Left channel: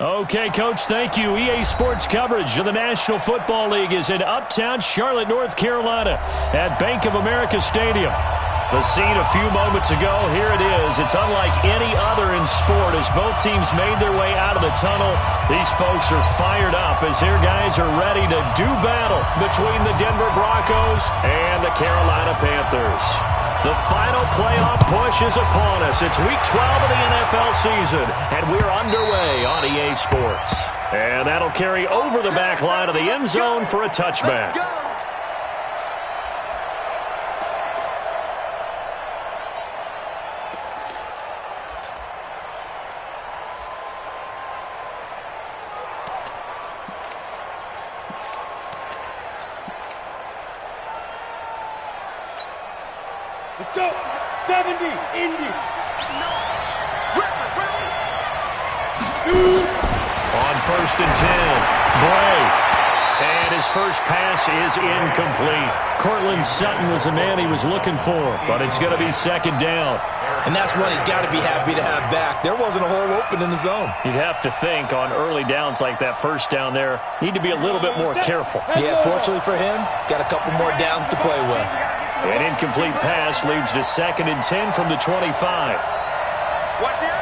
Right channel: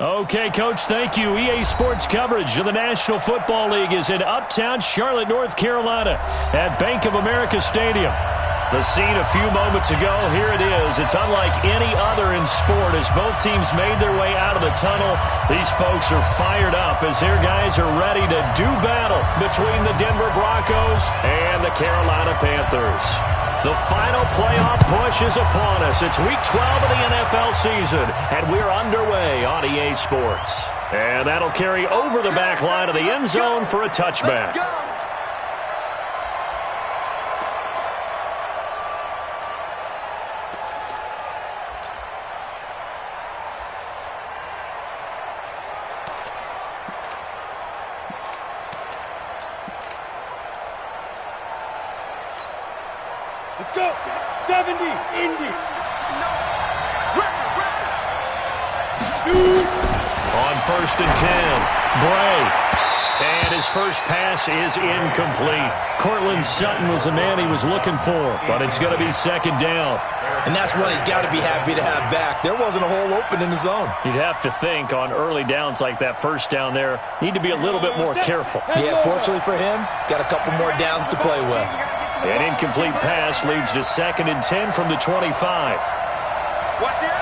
Okay, Coach, thank you. EA Sports coverage of the National Football League is in uptown Charlotte, North Carolina at Bank of America Stadium. The scene a few moments ago, here it is. It's unlike any other in sport as both teams made their way out of the tunnel. These folks are fired up as their guys are ready to do battle between the Denver Broncos and the Carolina Panthers. The final playoff push is upon us. It's Week 12 of the NFL season, and we're underway on EA Sports. And that'll carry over the back line of the end zone for a touchback. Let's go. 70, Indy. No. Record. Shoot. On 1st and 10, Bray. And his first pass is incomplete. Cortland Sutton was the man he was looking for, but it's going to be 2nd down. And that's one he's got to be happy to have back. There wasn't a hole open in the zone. You'd have to think on early downs like that first down there, need to be a little bit more careful. Yeah, fortunately for him, got a couple more downs to play with. An incomplete pass leads to 2nd and 10 from the 25. Watch the edge.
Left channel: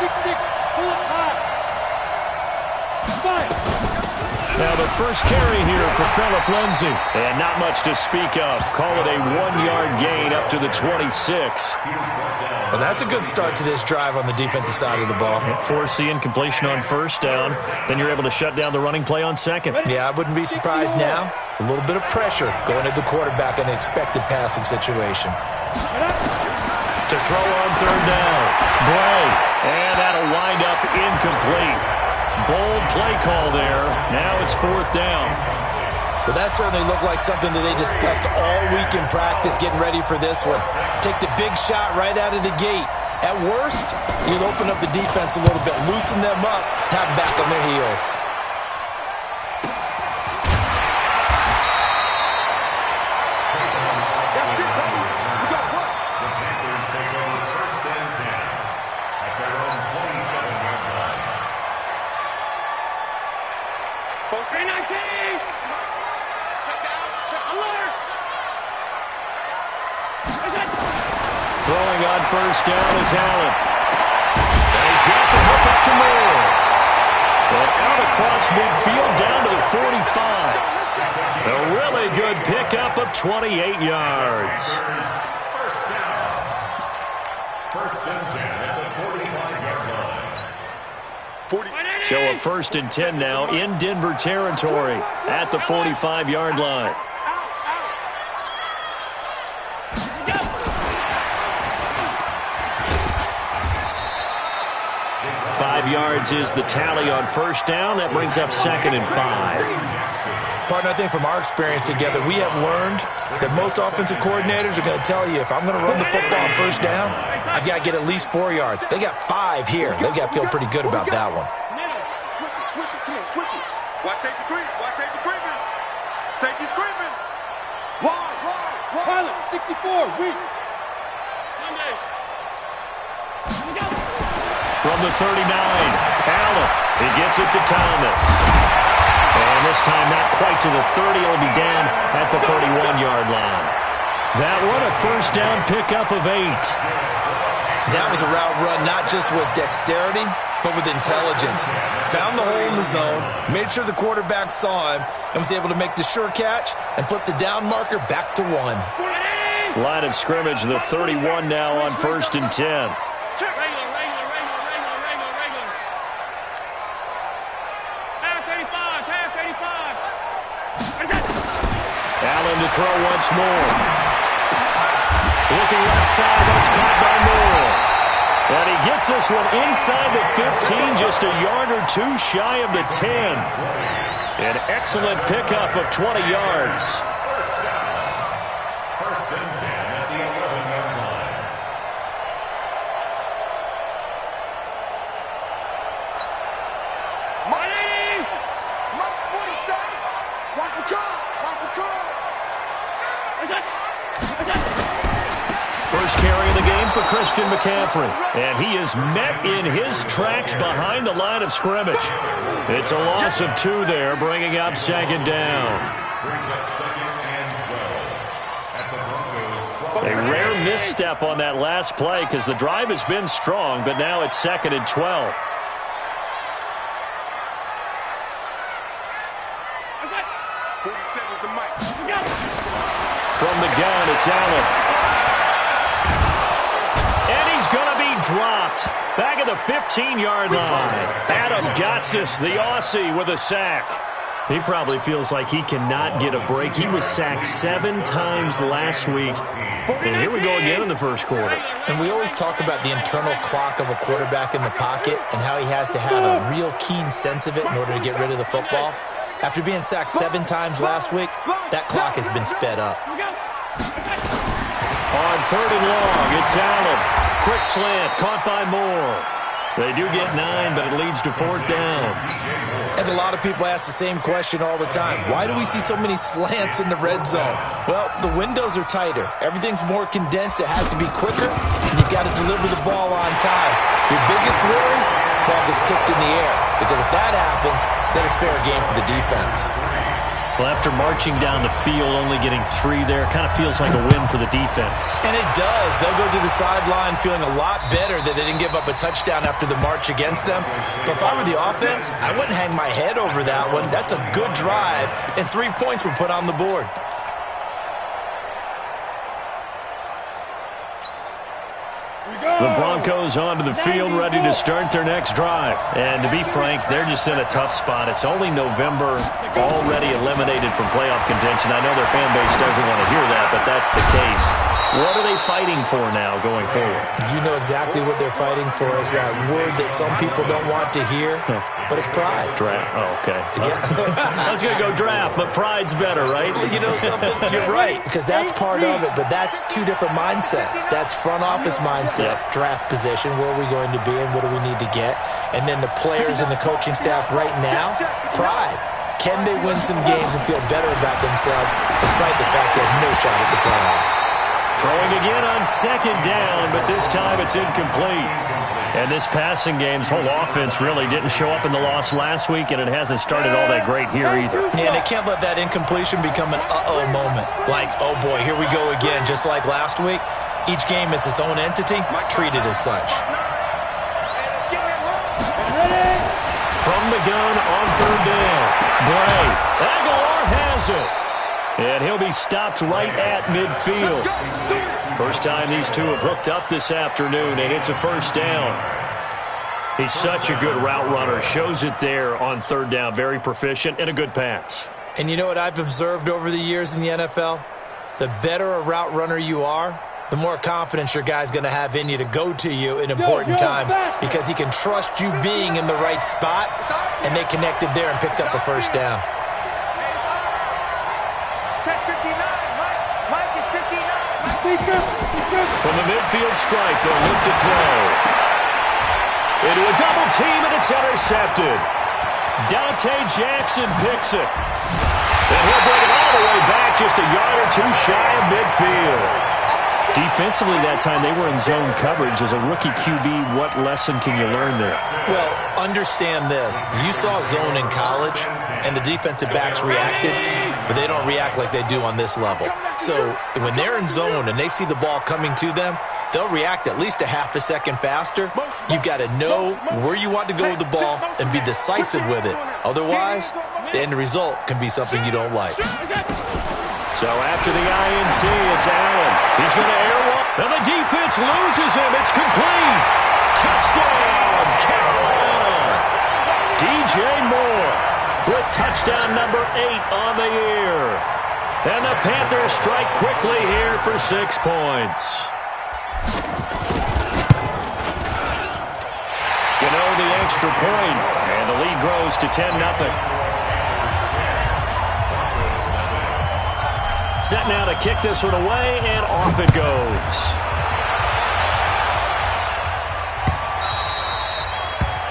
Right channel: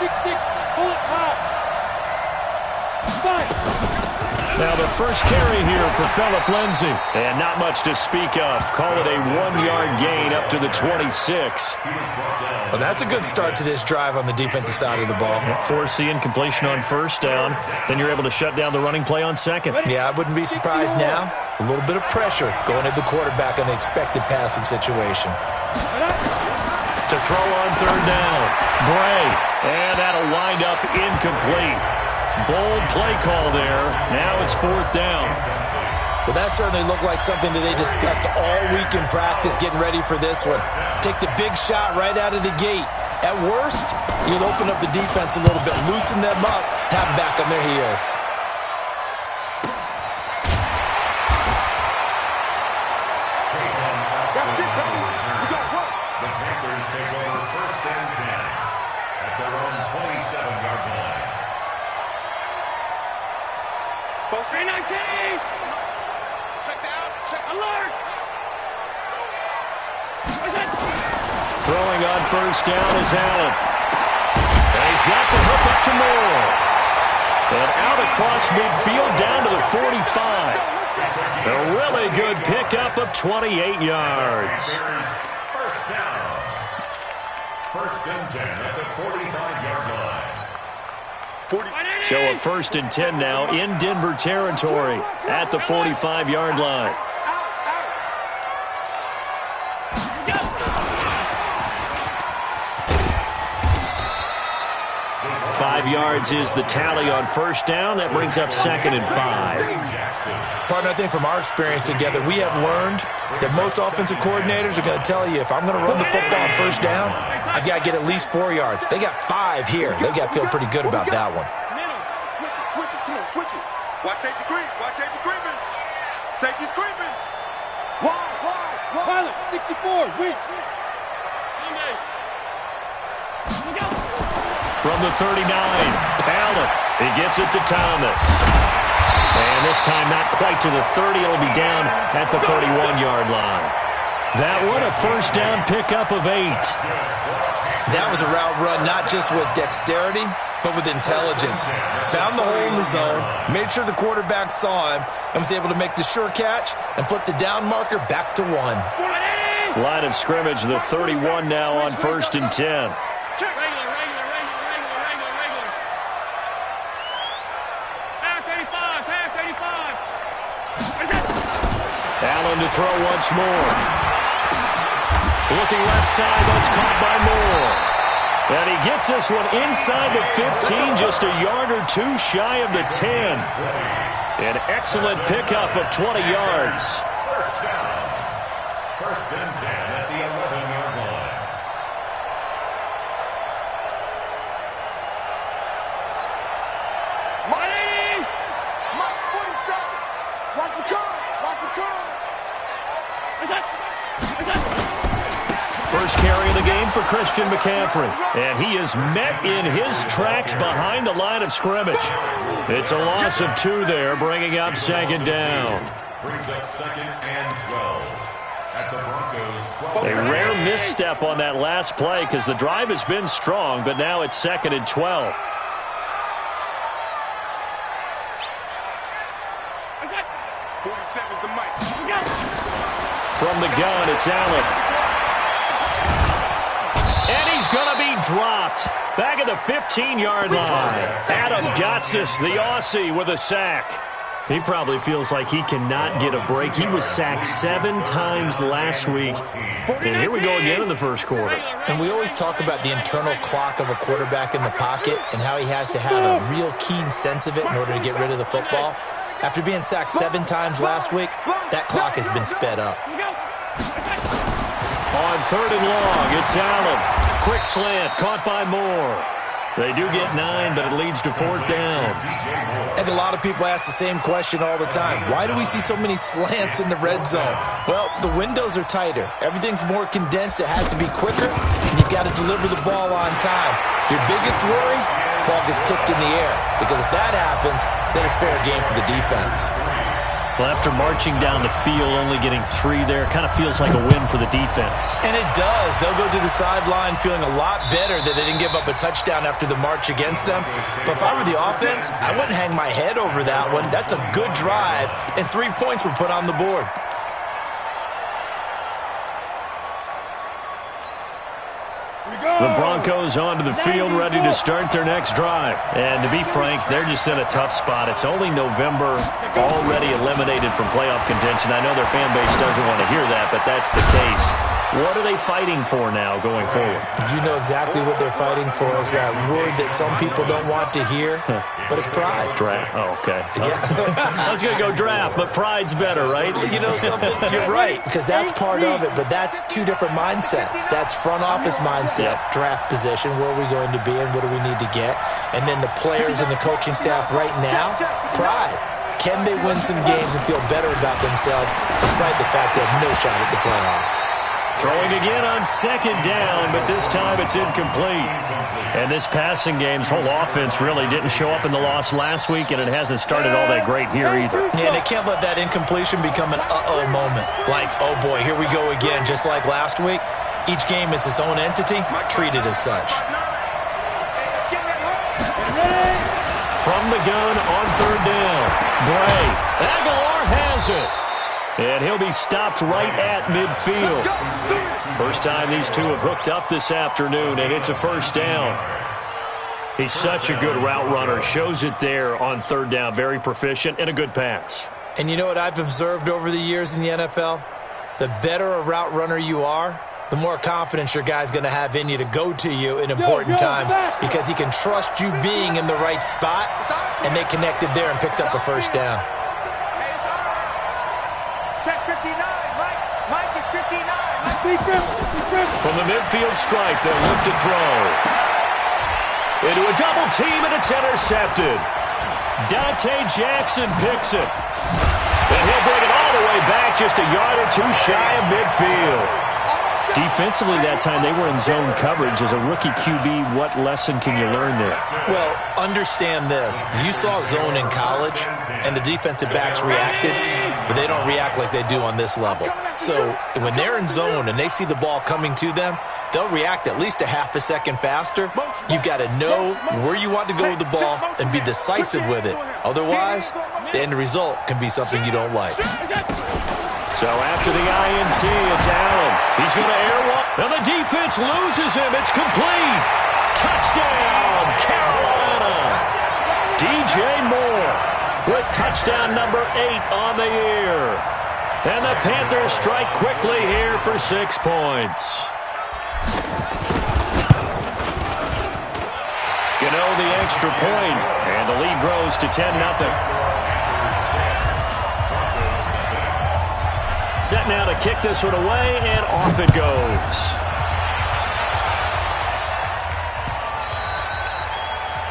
6-6, pull it high. 5. Now the first carry here for Phillip Lindsay. And not much to speak of. Call it a 1-yard gain up to the 26. Well, that's a good start to this drive on the defensive side of the ball. Force the incompletion on 1st down. Then you're able to shut down the running play on 2nd. Yeah, I wouldn't be surprised now. A little bit of pressure going at the quarterback in the expected passing situation. To throw on 3rd down. Bray. And that'll wind up incomplete. Bold play call there. Now it's 4th down. Well, that certainly looked like something that they discussed all week in practice getting ready for this one. Take the big shot right out of the gate. At worst, you'll open up the defense a little bit, loosen them up, have them back on their heels. The Panthers take over 1st and 10 at their own 27-yard line. Post 19. Check down. Check alert. Throwing on 1st down is Allen. And he's got the hook up to Moore. And out across midfield down to the 45. A really good pickup of 28 yards. 1st down. 1st and 10 at the 45-yard line. So a 1st and 10 now in Denver territory at the 45-yard line. 5 yards is the tally on 1st down. That brings up 2nd and 5. Partner, I think from our experience together, we have learned that most offensive coordinators are going to tell you, if I'm going to run the football on 1st down, I've got to get at least 4 yards. They got 5 here. They've got to feel pretty good about that one. Switch it. Come on, switch it. Watch safety creep. Watch safety creeping. Safety's creeping. Wide. Pilot, 64, weak. Monday. From the 39, Allen. He gets it to Thomas. And this time not quite to the 30. It'll be down at the 31-yard line. That one a 1st down pickup of 8. That was a route run not just with dexterity, but with intelligence. Found the hole in the zone, made sure the quarterback saw him, and was able to make the sure catch and flip the down marker back to 1. Line of scrimmage, the 31 now on 1st and 10. Regular. Half 85. Allen to throw once more. Looking left side, that's caught by Moore. And he gets this one inside the 15, just a yard or 2 shy of the 10. An excellent pickup of 20 yards. 1st down. 1st and 10 at the 11-yard line. Mike's 47. Watch the curl. first carry of the game for Christian McCaffrey. And he is met in his tracks behind the line of scrimmage. It's a loss of 2 there, bringing up second down. Brings up second and 12 at the Broncos' 12. A rare misstep on that last play because the drive has been strong, but now it's second and 12. From the gun, it's Allen. And he's going to be dropped. Back at the 15-yard line. Adam Gotsis, the Aussie, with a sack. He probably feels like he cannot get a break. He was sacked 7 times last week. And here we go again in the first quarter. And we always talk about the internal clock of a quarterback in the pocket and how he has to have a real keen sense of it in order to get rid of the football. After being sacked 7 times last week, that clock has been sped up. On third and long, it's Allen. Quick slant, caught by Moore. They do get 9, but it leads to 4th down. And a lot of people ask the same question all the time. Why do we see so many slants in the red zone? Well, the windows are tighter. Everything's more condensed. It has to be quicker, and you've got to deliver the ball on time. Your biggest worry? Ball gets tipped in the air, because if that happens, then it's fair game for the defense. Well, after marching down the field, only getting 3 there, kind of feels like a win for the defense. And it does. They'll go to the sideline feeling a lot better that they didn't give up a touchdown after the march against them. But if I were the offense, I wouldn't hang my head over that one. That's a good drive, and 3 points were put on the board. The Broncos onto the field, ready to start their next drive. And to be frank, they're just in a tough spot. It's only November, already eliminated from playoff contention. I know their fan base doesn't want to hear that, but that's the case. What are they fighting for now going forward? You know exactly what they're fighting for. Is that word that some people don't want to hear, but it's pride. Draft. Oh, okay. Yeah. I was going to go draft, but pride's better, right? You know something? You're right, because that's part of it, but that's 2 different mindsets. That's front office mindset, draft position, where are we going to be and what do we need to get? And then the players and the coaching staff right now, pride. Can they win some games and feel better about themselves despite the fact they have no shot at the playoffs? Throwing again on second down, but this time it's incomplete. And this passing game's whole offense really didn't show up in the loss last week, and it hasn't started all that great here either. Yeah, and they can't let that incompletion become an uh-oh moment. Like, oh boy, here we go again, just like last week. Each game is its own entity, treated as such. From the gun on third down, Bray. Aguilar has it. And he'll be stopped right at midfield. First time these two have hooked up this afternoon, and it's a first down. He's such a good route runner. Shows it there on third down. Very proficient and a good pass. And you know what I've observed over the years in the NFL? The better a route runner you are, the more confidence your guy's going to have in you to go to you in important times, because he can trust you being in the right spot, and they connected there and picked up a first down. Check 59. Mike is 59. From the midfield strike, they'll look to throw. Into a double team, and it's intercepted. Dante Jackson picks it. And he'll bring it all the way back, just a yard or 2 shy of midfield. Defensively that time, they were in zone coverage. As a rookie QB, what lesson can you learn there? Well, understand this. You saw zone in college, and the defensive backs reacted, but they don't react like they do on this level. So when they're in zone and they see the ball coming to them, they'll react at least a half a second faster. You've got to know where you want to go with the ball and be decisive with it. Otherwise, the end result can be something you don't like. So after the INT, it's Allen. He's going to air one. And the defense loses him. It's complete. Touchdown, Carolina. DJ Moore with touchdown number 8 on the year. And the Panthers strike quickly here for 6 points. Gano the extra point, and the lead grows to 10-0. Set now to kick this one away, and off it goes.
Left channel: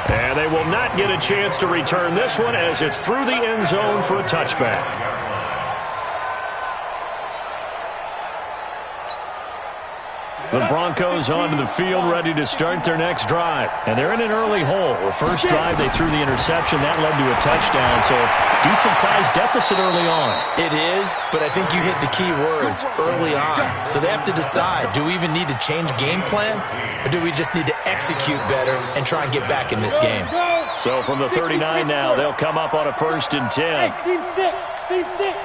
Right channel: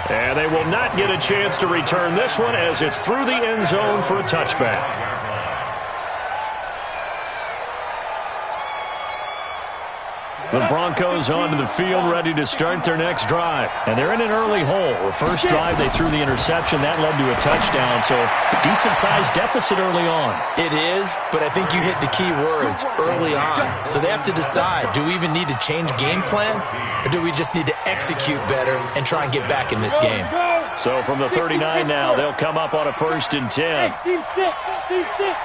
And they will not get a chance to return this one as it's through the end zone for a touchback. The Broncos onto the field, ready to start their next drive. And they're in an early hole. The first drive, they threw the interception. That led to a touchdown, so decent-sized deficit early on. It is, but I think you hit the key words, early on. So they have to decide, do we even need to change game plan, or do we just need to execute better and try and get back in this game? So from the 39 now, they'll come up on a 1st and 10. Hey, team 6, team 6.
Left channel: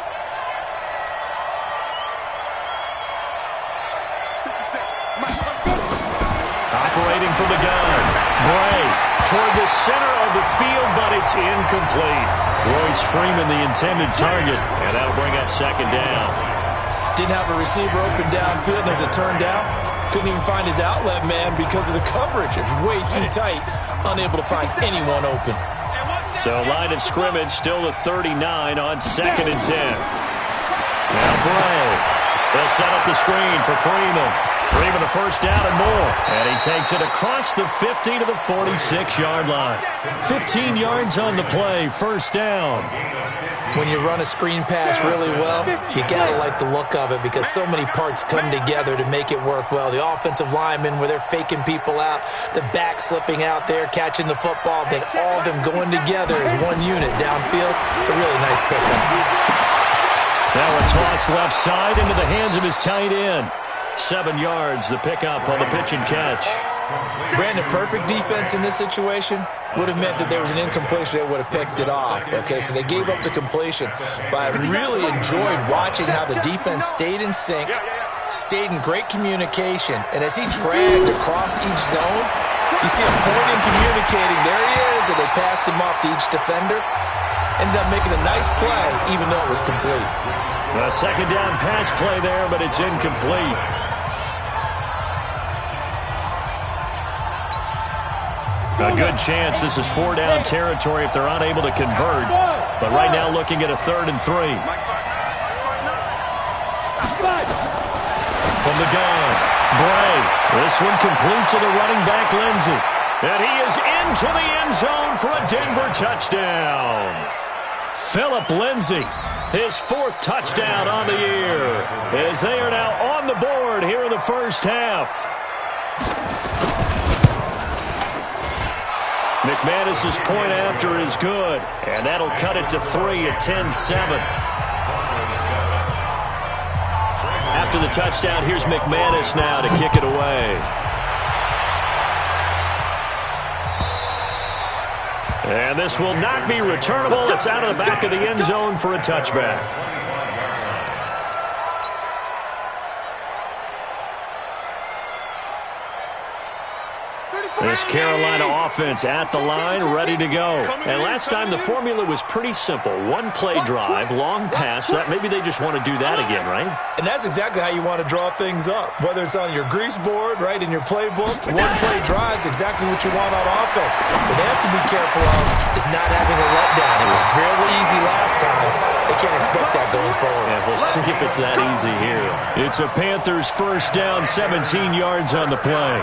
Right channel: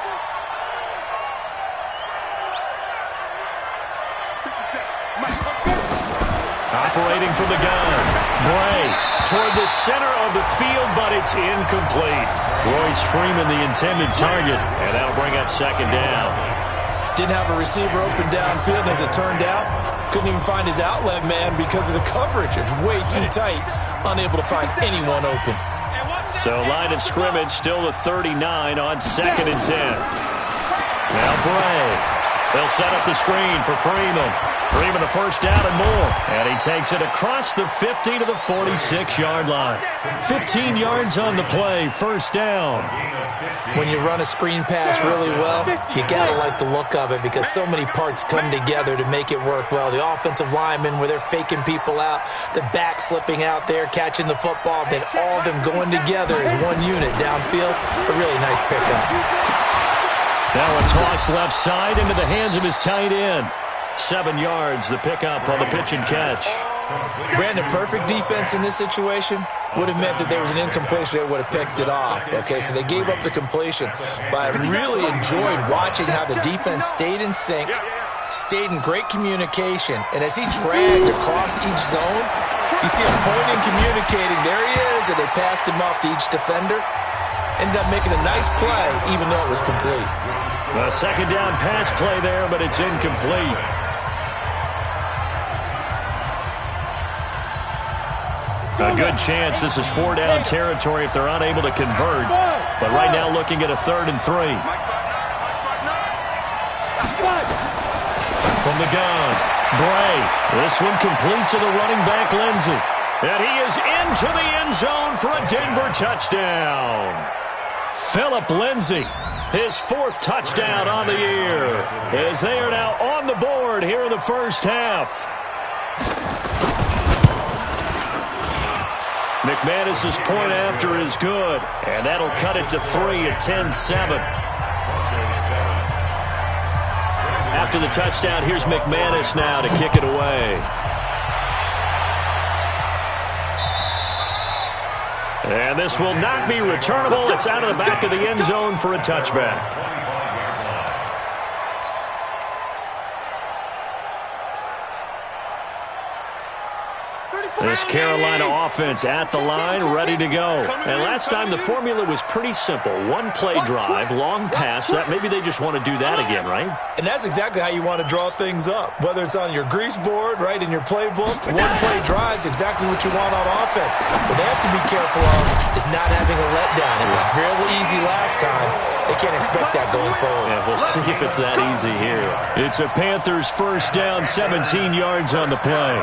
Operating from the gun. Bray toward the center of the field, but it's incomplete. Royce Freeman, the intended target, and that'll bring up 2nd down. Didn't have a receiver open downfield, and as it turned out, couldn't even find his outlet man because of the coverage. It's way too tight, unable to find anyone open. So line of scrimmage, still the 39 on 2nd and 10. Now Bray. They'll set up the screen for Freeman. Freeman, a 1st down and more. And he takes it across the 50 to the 46-yard line. 15 yards on the play, 1st down. When you run a screen pass really well, you got to like the look of it because so many parts come together to make it work well. The offensive linemen, where they're faking people out, the back slipping out there, catching the football, then all of them going together as one unit downfield. A really nice pickup. Now a toss left side into the hands of his tight end. 7 yards, the pickup on the pitch and catch. Brandon, perfect defense in this situation would have meant that there was an incompletion that would have picked it off. Okay, so they gave up the completion. But I really enjoyed watching how the defense stayed in sync, stayed in great communication, and as he dragged across each zone, you see him pointing, communicating. There he is, and they passed him off to each defender. Ended up making a nice play, even though it was complete. A 2nd down pass play there, but it's incomplete. A good chance this is 4-down territory if they're unable to convert. But right now looking at a 3rd and 3. From the gun, Bray. This one complete to the running back, Lindsey. And he is into the end zone for a Denver touchdown. Phillip Lindsey, his 4th touchdown on the year, as they are now on the board here in the 1st half. McManus's point after is good, and that'll cut it to 3 at 10-7. After the touchdown, here's McManus now to kick it away. And this will not be returnable. It's out of the back of the end zone for a touchback. This Carolina offense at the line, ready to go. And last time the formula was pretty simple. One play drive, long pass. That maybe they just want to do that again, right? And that's exactly how you want to draw things up. Whether it's on your grease board, right, in your playbook, one play drive is exactly what you want on offense. What they have to be careful of is not having a letdown. It was real easy last time. They can't expect that going forward. And we'll see if it's that easy here. It's a Panthers 1st down, 17 yards on the play.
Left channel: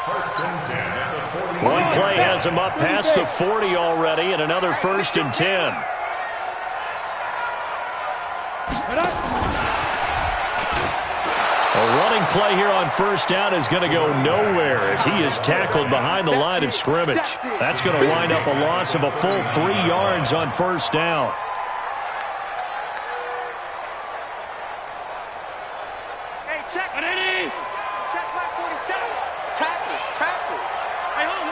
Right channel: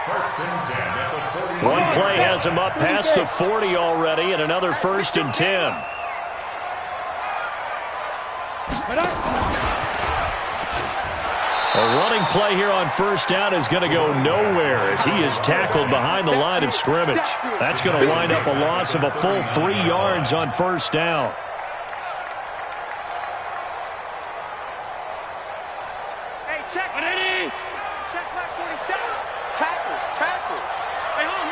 1st and 10 at the 40. One play has him up past the 40 already, and another 1st and 10. A running play here on 1st down is going to go nowhere as he is tackled behind the line of scrimmage. That's going to wind up a loss of a full 3 yards on 1st down. Hey, check it, Eddie. Check back 47. Tackle. Hey, home.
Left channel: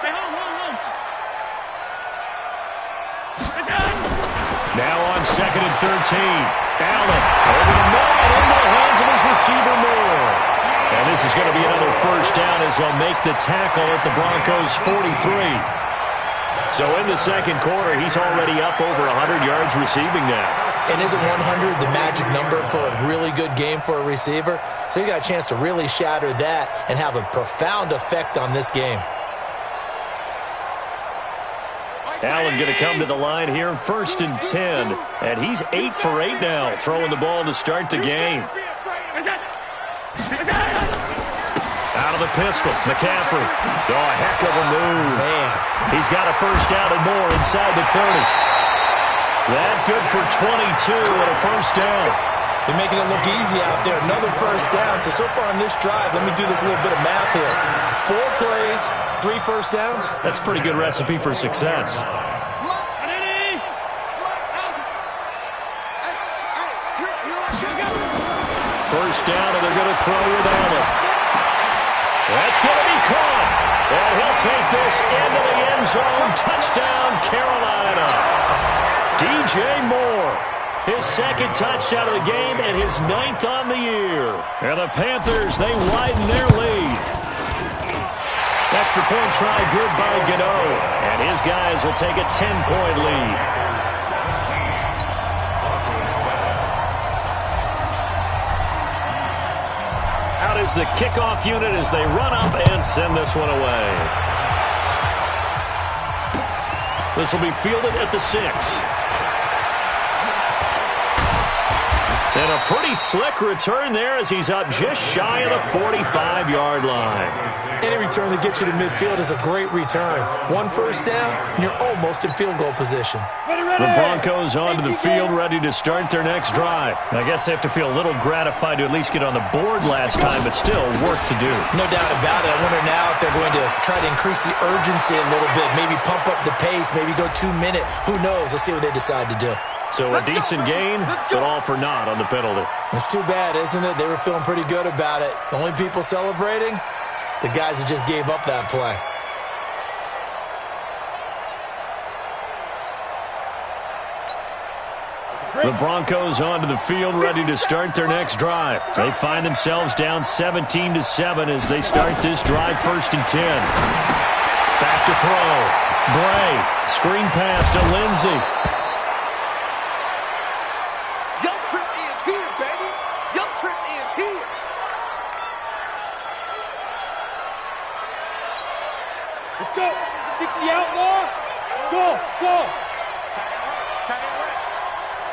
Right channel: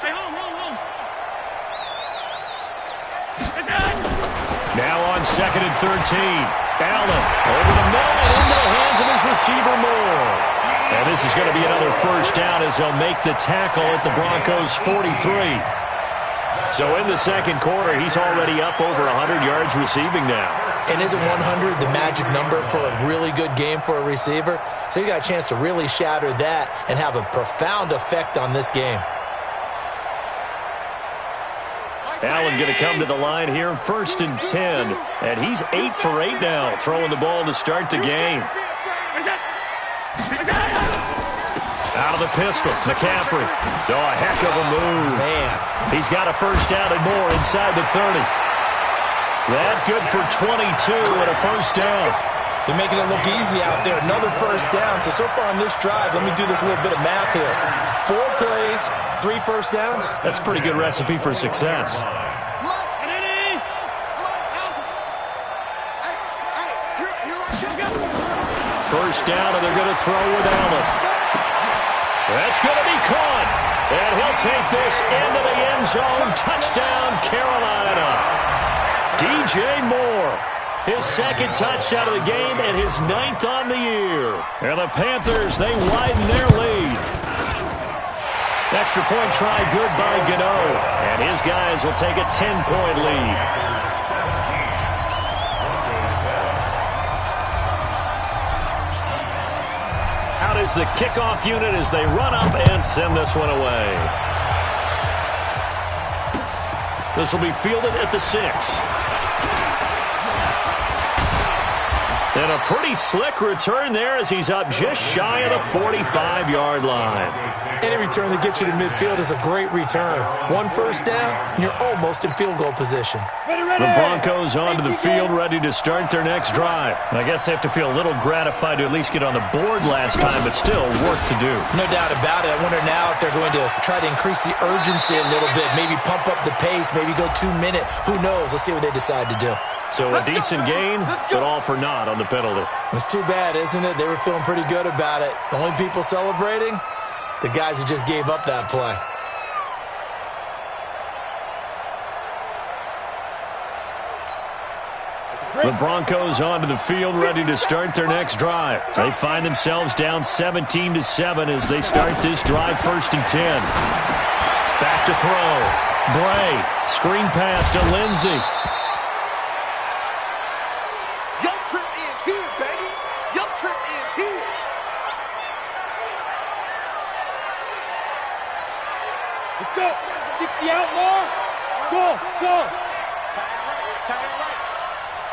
Hey, home. Now on 2nd and 13. Allen over the middle and into the hands of his receiver Moore. And this is going to be another 1st down as they'll make the tackle at the Broncos 43. So in the 2nd quarter, he's already up over 100 yards receiving now. And isn't 100 the magic number for a really good game for a receiver? So you got a chance to really shatter that and have a profound effect on this game. Allen going to come to the line here, 1st and 10. And he's 8 for 8 now, throwing the ball to start the game. Out of the pistol, McCaffrey. Oh, a heck of a move. Man. He's got a 1st down and more inside the 30. That good for 22 and a 1st down. They're making it look easy out there. Another first down. So far on this drive, let me do this little bit of math here. 4 plays, 3 first downs. That's a pretty good recipe for success. First down, and they're going to throw with Allen. That's going to be caught. And he'll take this into the end zone. Touchdown, Carolina. DJ Moore. His second touchdown of the game and his 9th on the year. And the Panthers, they widen their lead. Extra point try good by Gano. And his guys will take a 10-point lead. Out is the kickoff unit as they run up and send this one away. This will be fielded at the 6. And a pretty slick return there as he's up just shy of the 45-yard line. Any return that gets you to midfield is a great return. 1 first down, and you're almost in field goal position. The Broncos onto the field, ready to start their next drive. I guess they have to feel a little gratified to at least get on the board last time, but still work to do. No doubt about it. I wonder now if they're going to try to increase the urgency a little bit, maybe pump up the pace, maybe go 2-minute. Who knows? Let's see what they decide to do. So a decent gain, but all for naught on the penalty. It's too bad, isn't it? They were feeling pretty good about it. The only people celebrating, the guys who just gave up that play. The Broncos onto the field, ready to start their next drive. They find themselves down 17-7 as they start this drive, 1st and 10. Back to throw. Bray, screen pass to Lindsey. Your trip is here, baby. Your trip is here. Let's go. 60 outlaw. Go, go. Tie it right.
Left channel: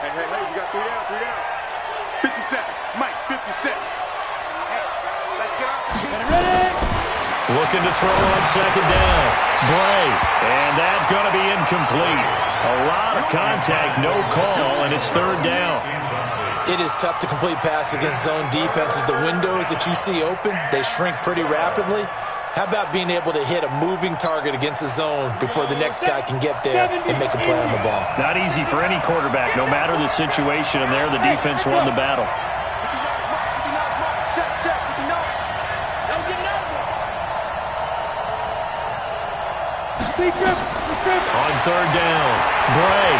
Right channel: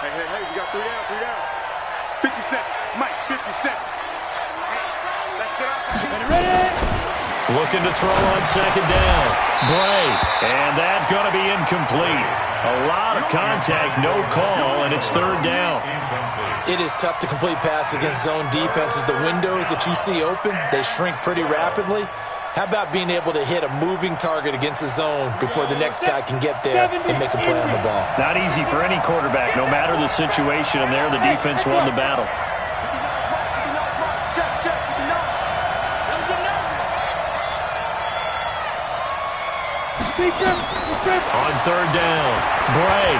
Hey, we got 3 down. 57. Mike, 57. Hey, let's get out. Ready? Looking to throw on 2nd down. Bray, and that's going to be incomplete. A lot of contact, no call, and it's 3rd down. It is tough to complete passes against zone defenses. The windows that you see open, they shrink pretty rapidly. How about being able to hit a moving target against a zone before the next guy can get there and make a play on the ball? Not easy for any quarterback, no matter the situation, and there the defense won the battle. Check. 59. Don't get nervous. Big trip. On 3rd down, Bray.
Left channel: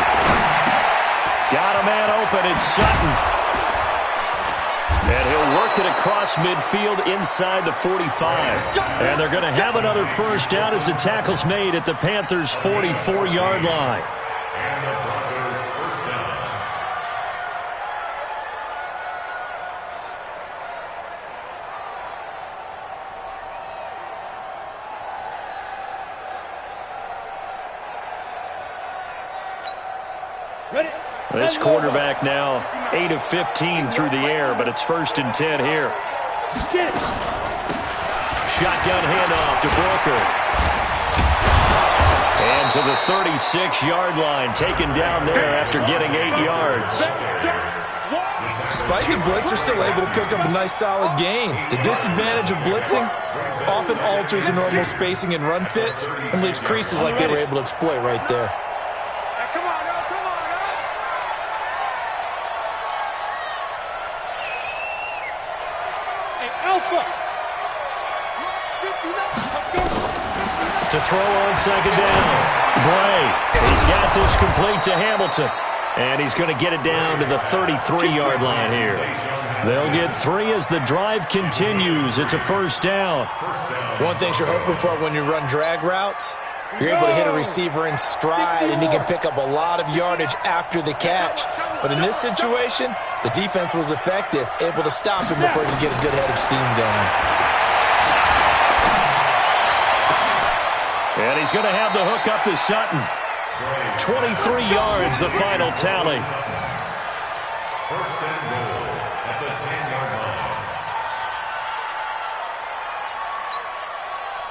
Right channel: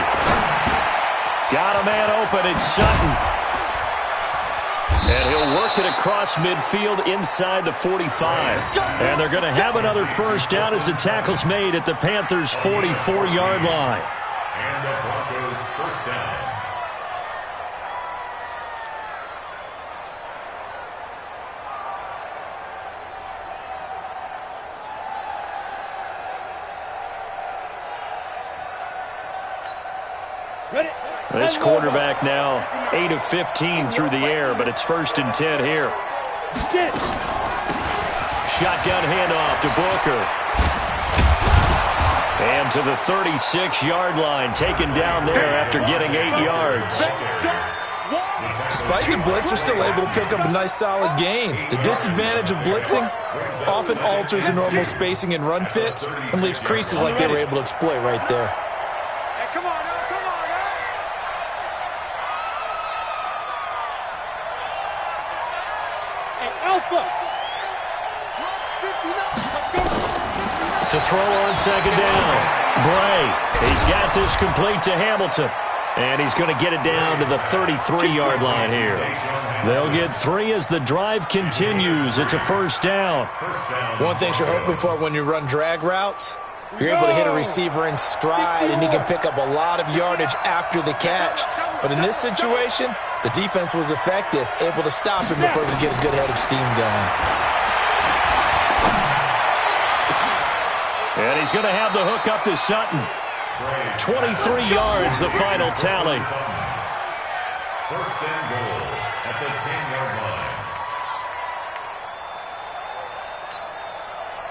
Got a man open, it's Sutton. And he'll work it across midfield inside the 45. And they're going to have another first down as the tackle's made at the Panthers' 44-yard line. And the Broncos first down. Ready? This quarterback now 8 of 15 through the air, but it's 1st and 10 here. Shotgun handoff to Booker. And to the 36-yard line, taken down there after getting 8 yards. Despite the blitz, they're still able to pick up a nice solid gain. The disadvantage of blitzing often alters the normal spacing and run fits and leaves creases like they were able to exploit right there. Hey, come on, now. Alpha. To throw on 2nd down. Bray, he's got this complete to Hamilton. And he's going to get it down to the 33-yard line here. They'll get 3 as the drive continues. It's a 1st down. One thing you're hoping for when you run drag routes, you're able to hit a receiver in stride, and he can pick up a lot of yardage after the catch. But in this situation, the defense was effective, able to stop him before he could get a good head of steam going. And he's going to have the hook up to Sutton. 23 yards, the final tally. 1st and goal at the 10-yard line.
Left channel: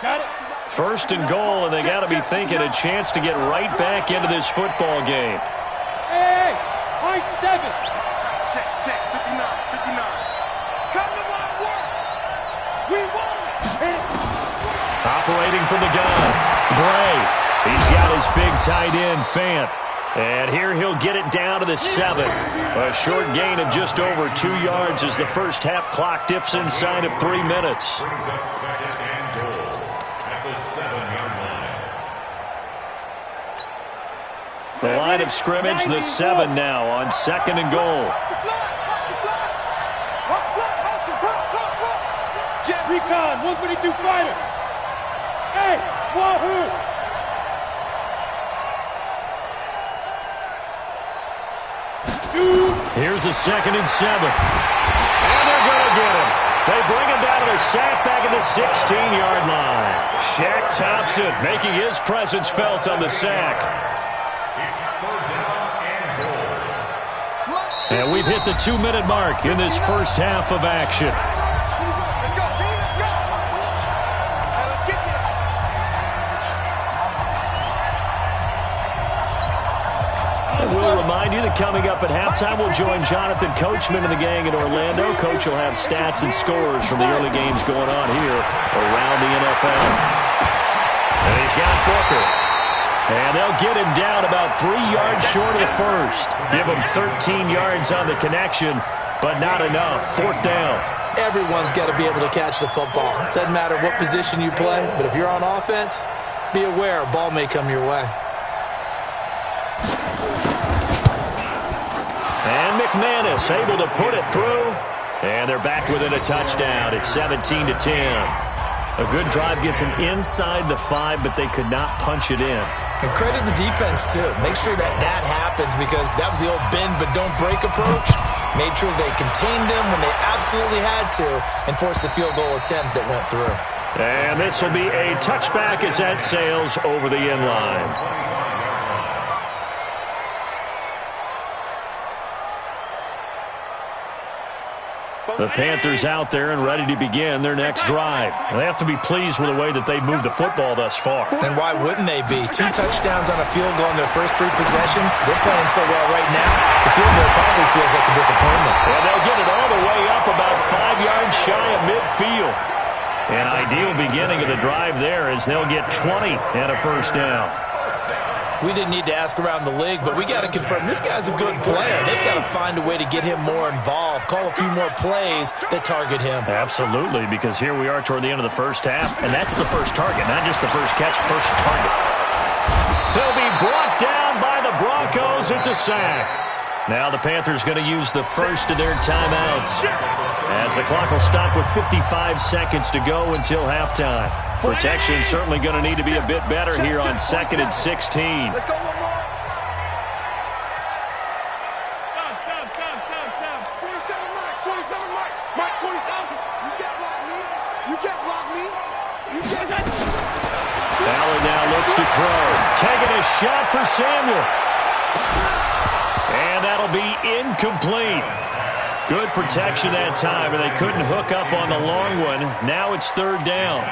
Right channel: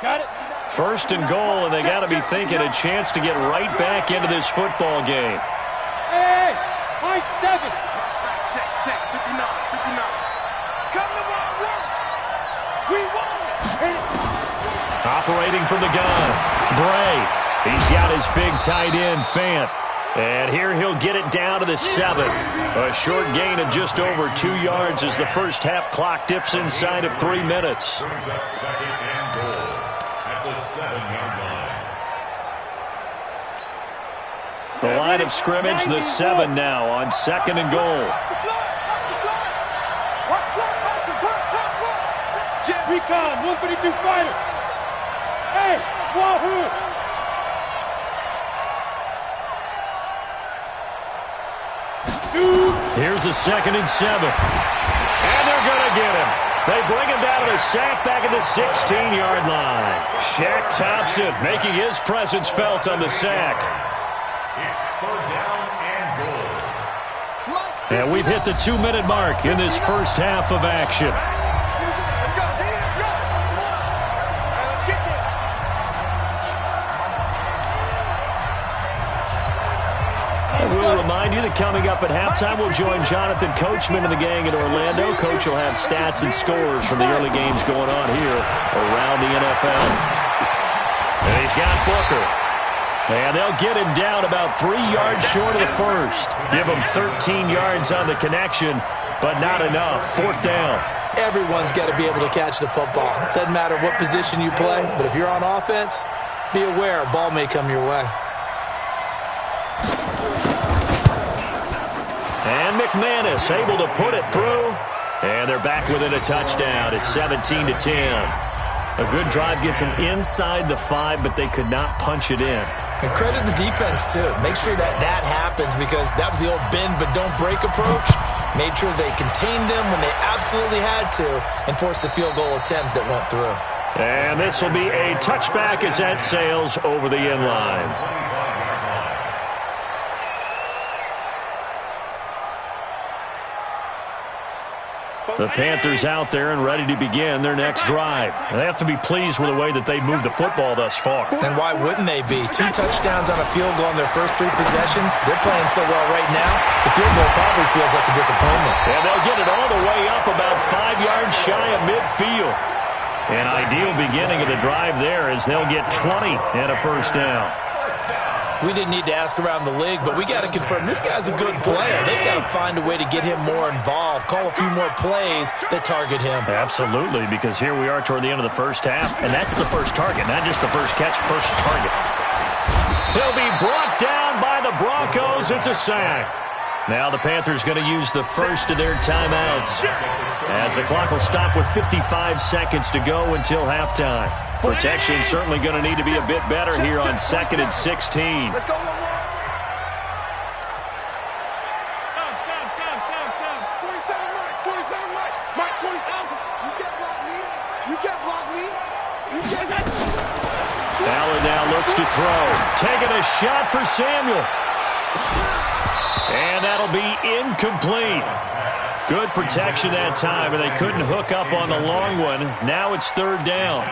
Got it. 1st and goal, and they got to be thinking a chance to get right back into this football game. Hey, high 7. check. 59. Come to my work. We want it. Operating from the gun, Bray. He's got his big tight end, Fant. And here he'll get it down to the 7. A short gain of just over 2 yards as the first half clock dips inside of 3 minutes. Brings up second and goal at the 7-yard line. The line of scrimmage, the 7 now on 2nd and goal. Jet Recon, 132 fighter. Hey, Wahoo! Shoot! Here's a 2nd and 7. And they're going to get him. They bring him down to the sack back at the 16-yard line. Shaq Thompson making his presence felt on the sack. It's 3rd down and goal. And we've hit the 2-minute mark in this first half of action. Let's go, G, let's go. Hey, let's get there. And we'll remind you that coming up at halftime, we'll join Jonathan Coachman and the gang in Orlando. Coach will have stats and scores from the early games going on here around the NFL. And he's got Booker. And they'll get him down about 3 yards short of the first. Give him 13 yards on the connection, but not enough. 4th down. Everyone's got to be able to catch the football. Doesn't matter what position you play, but if you're on offense, be aware a ball may come your way. And McManus able to put it through. And they're back within a touchdown. It's 17-10. A good drive gets them inside the 5, but they could not punch it in. And credit the defense, too. Make sure that happens because that was the old bend but don't break approach. Made sure they contained them when they absolutely had to and forced the field goal attempt that went through. And this will be a touchback as that sails over the end line. The Panthers out there and ready to begin their next drive. They have to be pleased with the way that they moved the football thus far. And why wouldn't they be? 2 touchdowns on a field goal in their first 3 possessions. They're playing so well right now, the field goal probably feels like a disappointment. And they'll get it all the way up about 5 yards shy of midfield. An ideal beginning of the drive there as they'll get 20 and a first down. We didn't need to ask around the league, but we got to confirm this guy's a good player. They've got to find a way to get him more involved, call a few more plays that target him. Absolutely, because here we are toward the end of the first half, and that's the first target, not just the first catch, first target. He'll be brought down by the Broncos. It's a sack. Now the Panthers going to use the first of their timeouts as the clock will stop with 55 seconds to go until halftime. Protection certainly going to need to be a bit better here on 2nd and 16. Let's go one more. Stop. 47 Mike. Mike, 47. You can't block me. Allen now looks to throw. Taking a shot for Samuel. And that'll be incomplete. Good protection that time, and they couldn't hook up on the long one. Now it's 3rd down.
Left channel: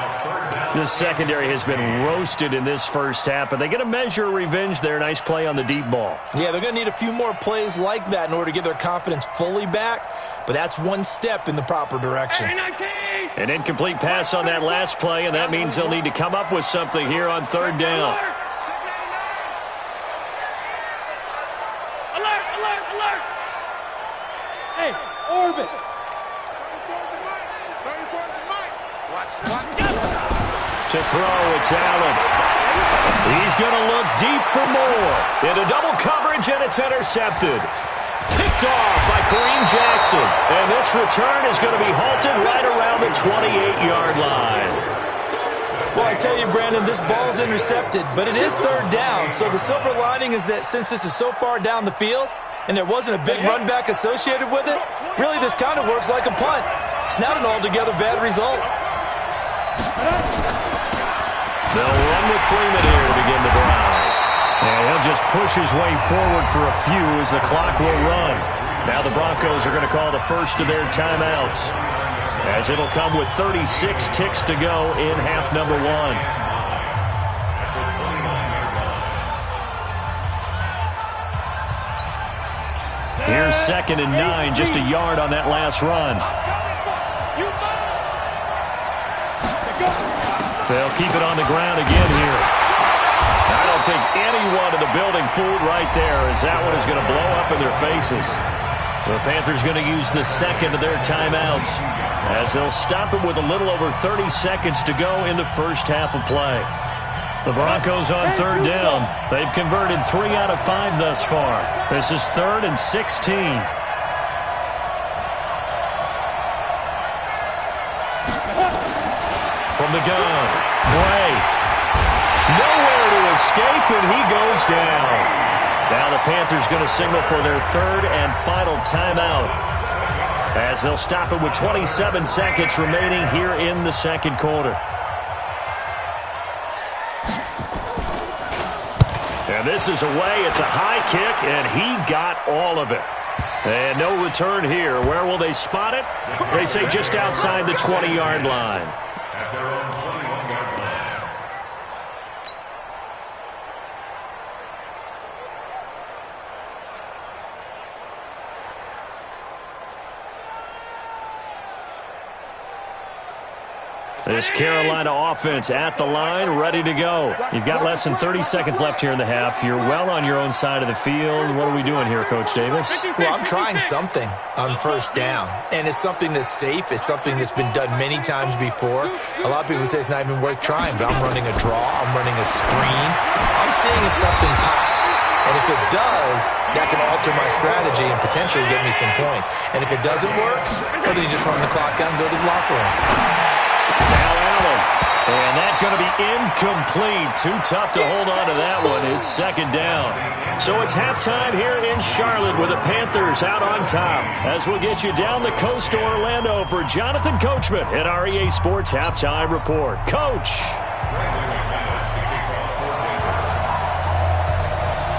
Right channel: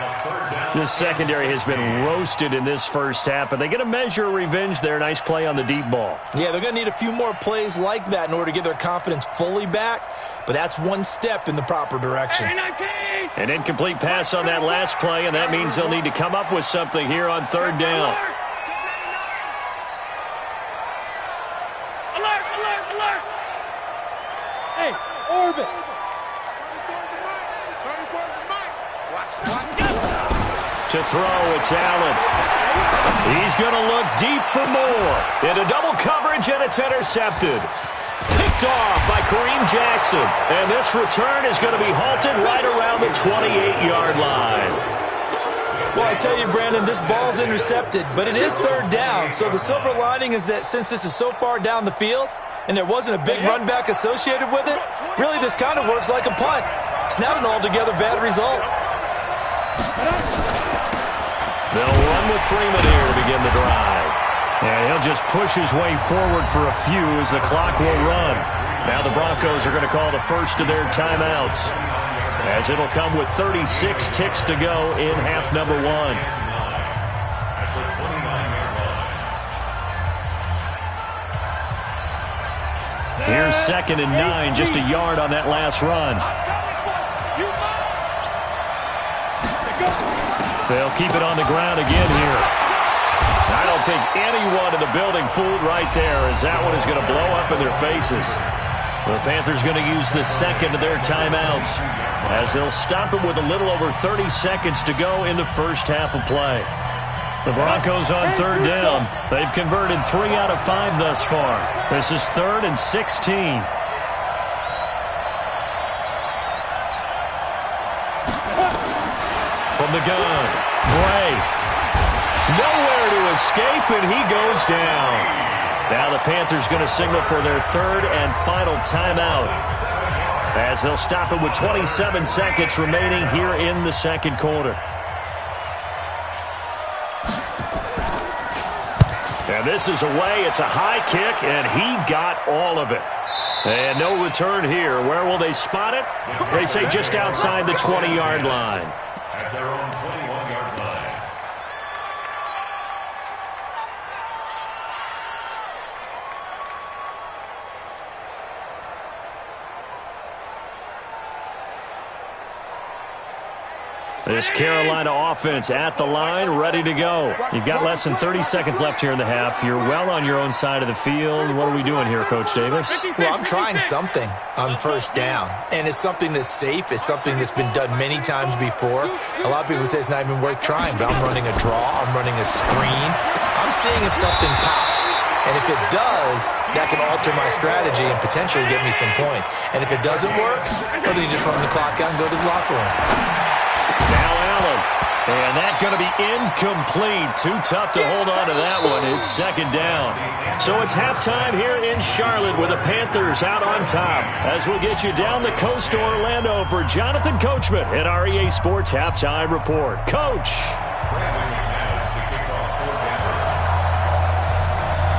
This secondary has been roasted in this first half, but they get a measure of revenge there. Nice play on the deep ball. Yeah, they're going to need a few more plays like that in order to get their confidence fully back, but that's one step in the proper direction. An incomplete pass on that last play, and that means they'll need to come up with something here on 3rd down. Alert! Hey, orbit! 34's the mic. Watch. To throw, it's Allen. He's going to look deep for more. Into double coverage, and it's intercepted. Picked off by Kareem Jackson. And this return is going to be halted right around the 28-yard line. Well, I tell you, Brandon, this ball's intercepted, but it is 3rd down. So the silver lining is that since this is so far down the field and there wasn't a big run back associated with it, really this kind of works like a punt. It's not an altogether bad result. They'll run with Freeman here to begin the drive. And he'll just push his way forward for a few as the clock will run. Now the Broncos are going to call the first of their timeouts, as it'll come with 36 ticks to go in half number 1. At the 29-yard line. Here's 2nd and 9, just a yard on that last run. They'll keep it on the ground again here. I don't think anyone in the building fooled right there, as that one is going to blow up in their faces. The Panthers going to use the second of their timeouts, as they'll stop it with a little over 30 seconds to go in the first half of play. The Broncos on 3rd down. They've converted 3 out of 5 thus far. This is 3rd and 16. From the gun, Bray. Nowhere to escape, and he goes down. Now the Panthers going to signal for their 3rd and final timeout, as they'll stop it with 27 seconds remaining here in the 2nd quarter. And this is away. It's a high kick, and he got all of it. And no return here. Where will they spot it? They say just outside the 20-yard line. At their own 21-yard line. This Carolina offense at the line, ready to go. You've got less than 30 seconds left here in the half. You're well on your own side of the field. What are we doing here, Coach Davis? Well, I'm trying something on 1st down, and it's something that's safe. It's something that's been done many times before. A lot of people say it's not even worth trying, but I'm running a draw. I'm running a screen. I'm seeing if something pops. And if it does, that can alter my strategy and potentially get me some points. And if it doesn't work, well, then you just run the clock out and go to the locker room. Now Allen, and that's going to be incomplete. Too tough to hold on to that one. It's 2nd down. So it's halftime here in Charlotte with the Panthers out on top. As we'll get you down the coast to Orlando for Jonathan Coachman at our EA Sports Halftime Report. Coach.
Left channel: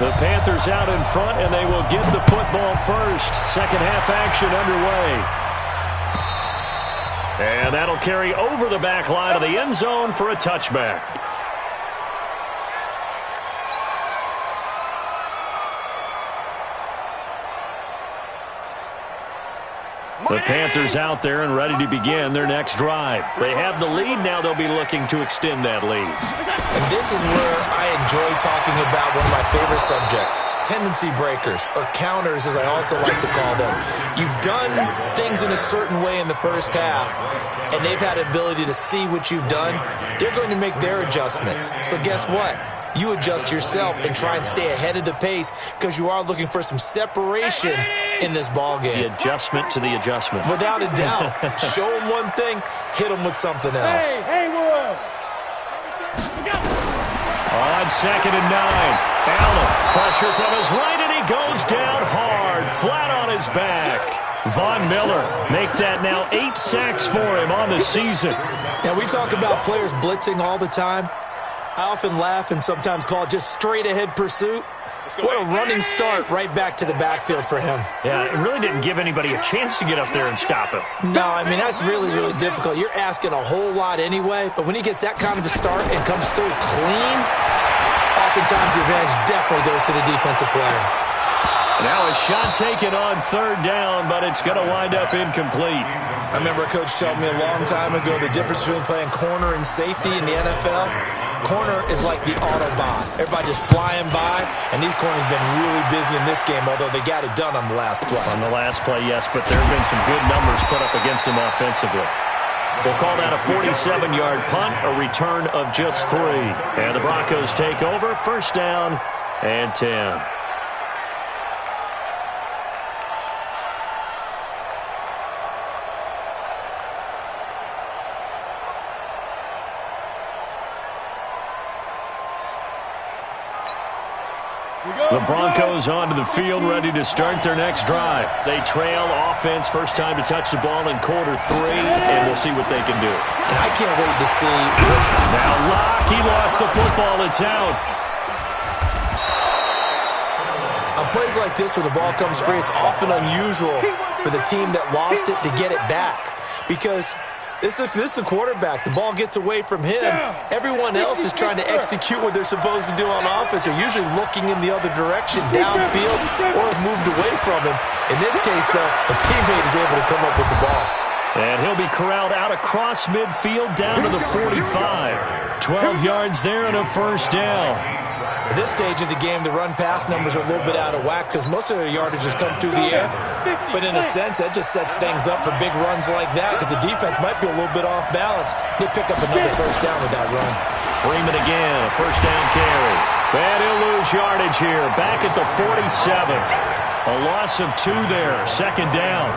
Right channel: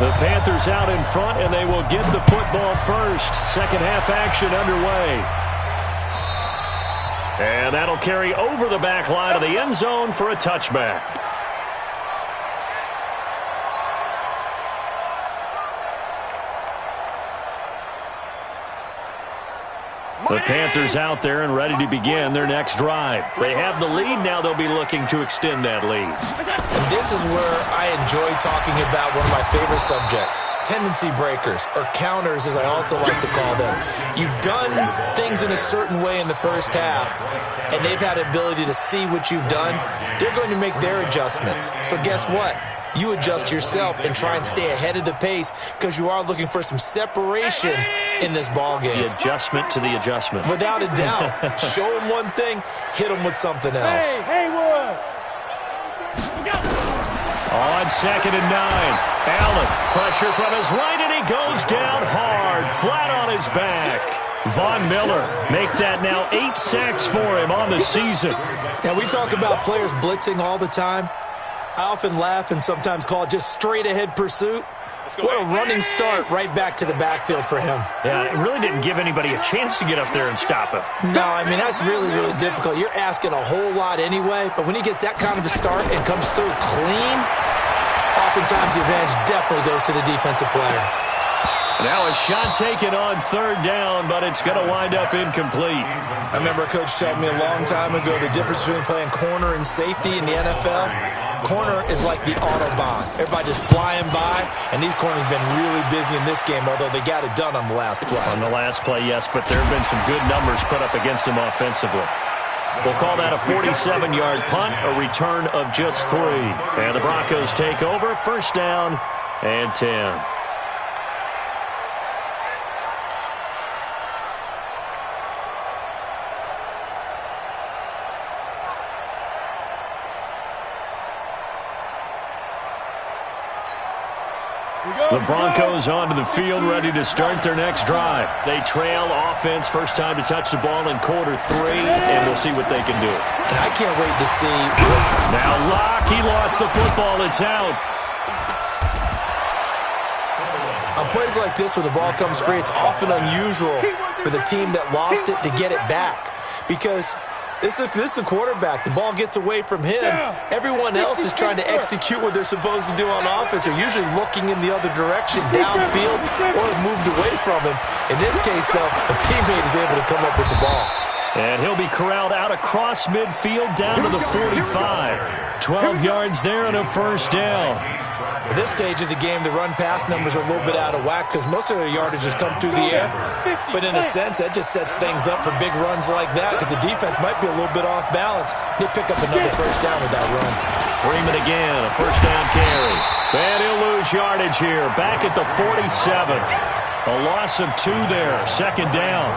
The Panthers out in front, and they will get the football first. 2nd half action underway. And that'll carry over the back line of the end zone for a touchback. The Panthers out there and ready to begin their next drive. They have the lead. Now they'll be looking to extend that lead. And this is where I enjoy talking about one of my favorite subjects, tendency breakers, or counters as I also like to call them. You've done things in a certain way in the first half, and they've had the ability to see what you've done. They're going to make their adjustments. So guess what? You adjust yourself and try and stay ahead of the pace, because you are looking for some separation in this ball game. The adjustment to the adjustment. Without a doubt. Show them one thing, hit them with something else. Hey, Haywood. On 2nd and 9. Allen, pressure from his right, and he goes down hard, flat on his back. Von Miller make that now 8 sacks for him on the season. Now, we talk about players blitzing all the time. I often laugh and sometimes call it just straight-ahead pursuit. What a running start right back to the backfield for him. Yeah, it really didn't give anybody a chance to get up there and stop him. No, I mean, that's really, really difficult. You're asking a whole lot anyway, but when he gets that kind of a start and comes through clean, oftentimes the advantage definitely goes to the defensive player. Now a shot taken on 3rd down, but it's going to wind up incomplete. I remember a coach telling me a long time ago the difference between playing corner and safety in the NFL. Corner is like the Autobahn. Everybody just flying by, and these corners have been really busy in this game, although they got it done on the last play. On the last play, yes, but there have been some good numbers put up against them offensively. We'll call that a 47-yard punt, a return of just 3. And the Broncos take over, 1st down and 10. The Broncos onto the field, ready to start their next drive. They trail offense, first time to touch the ball in quarter 3, and we'll see what they can do. And I can't wait to see. Now Locke, he lost the football. It's out. On plays like this where the ball comes free, it's often unusual for the team that lost it to get it back, because This is the quarterback. The ball gets away from him. Everyone else is trying to execute what they're supposed to do on offense. They're usually looking in the other direction, downfield, or have moved away from him. In this case, though, a teammate is able to come up with the ball. And he'll be corralled out across midfield down to the 45. 12 yards there and a first down. At this stage of the game, the run-pass numbers are a little bit out of whack because most of their yardage has come through the air. But in a sense, that just sets things up for big runs like that because the defense might be a little bit off balance. They pick up another first down with that run. Freeman again, a first down carry. And he'll lose yardage here, back at the 47. A loss of 2 there, second down.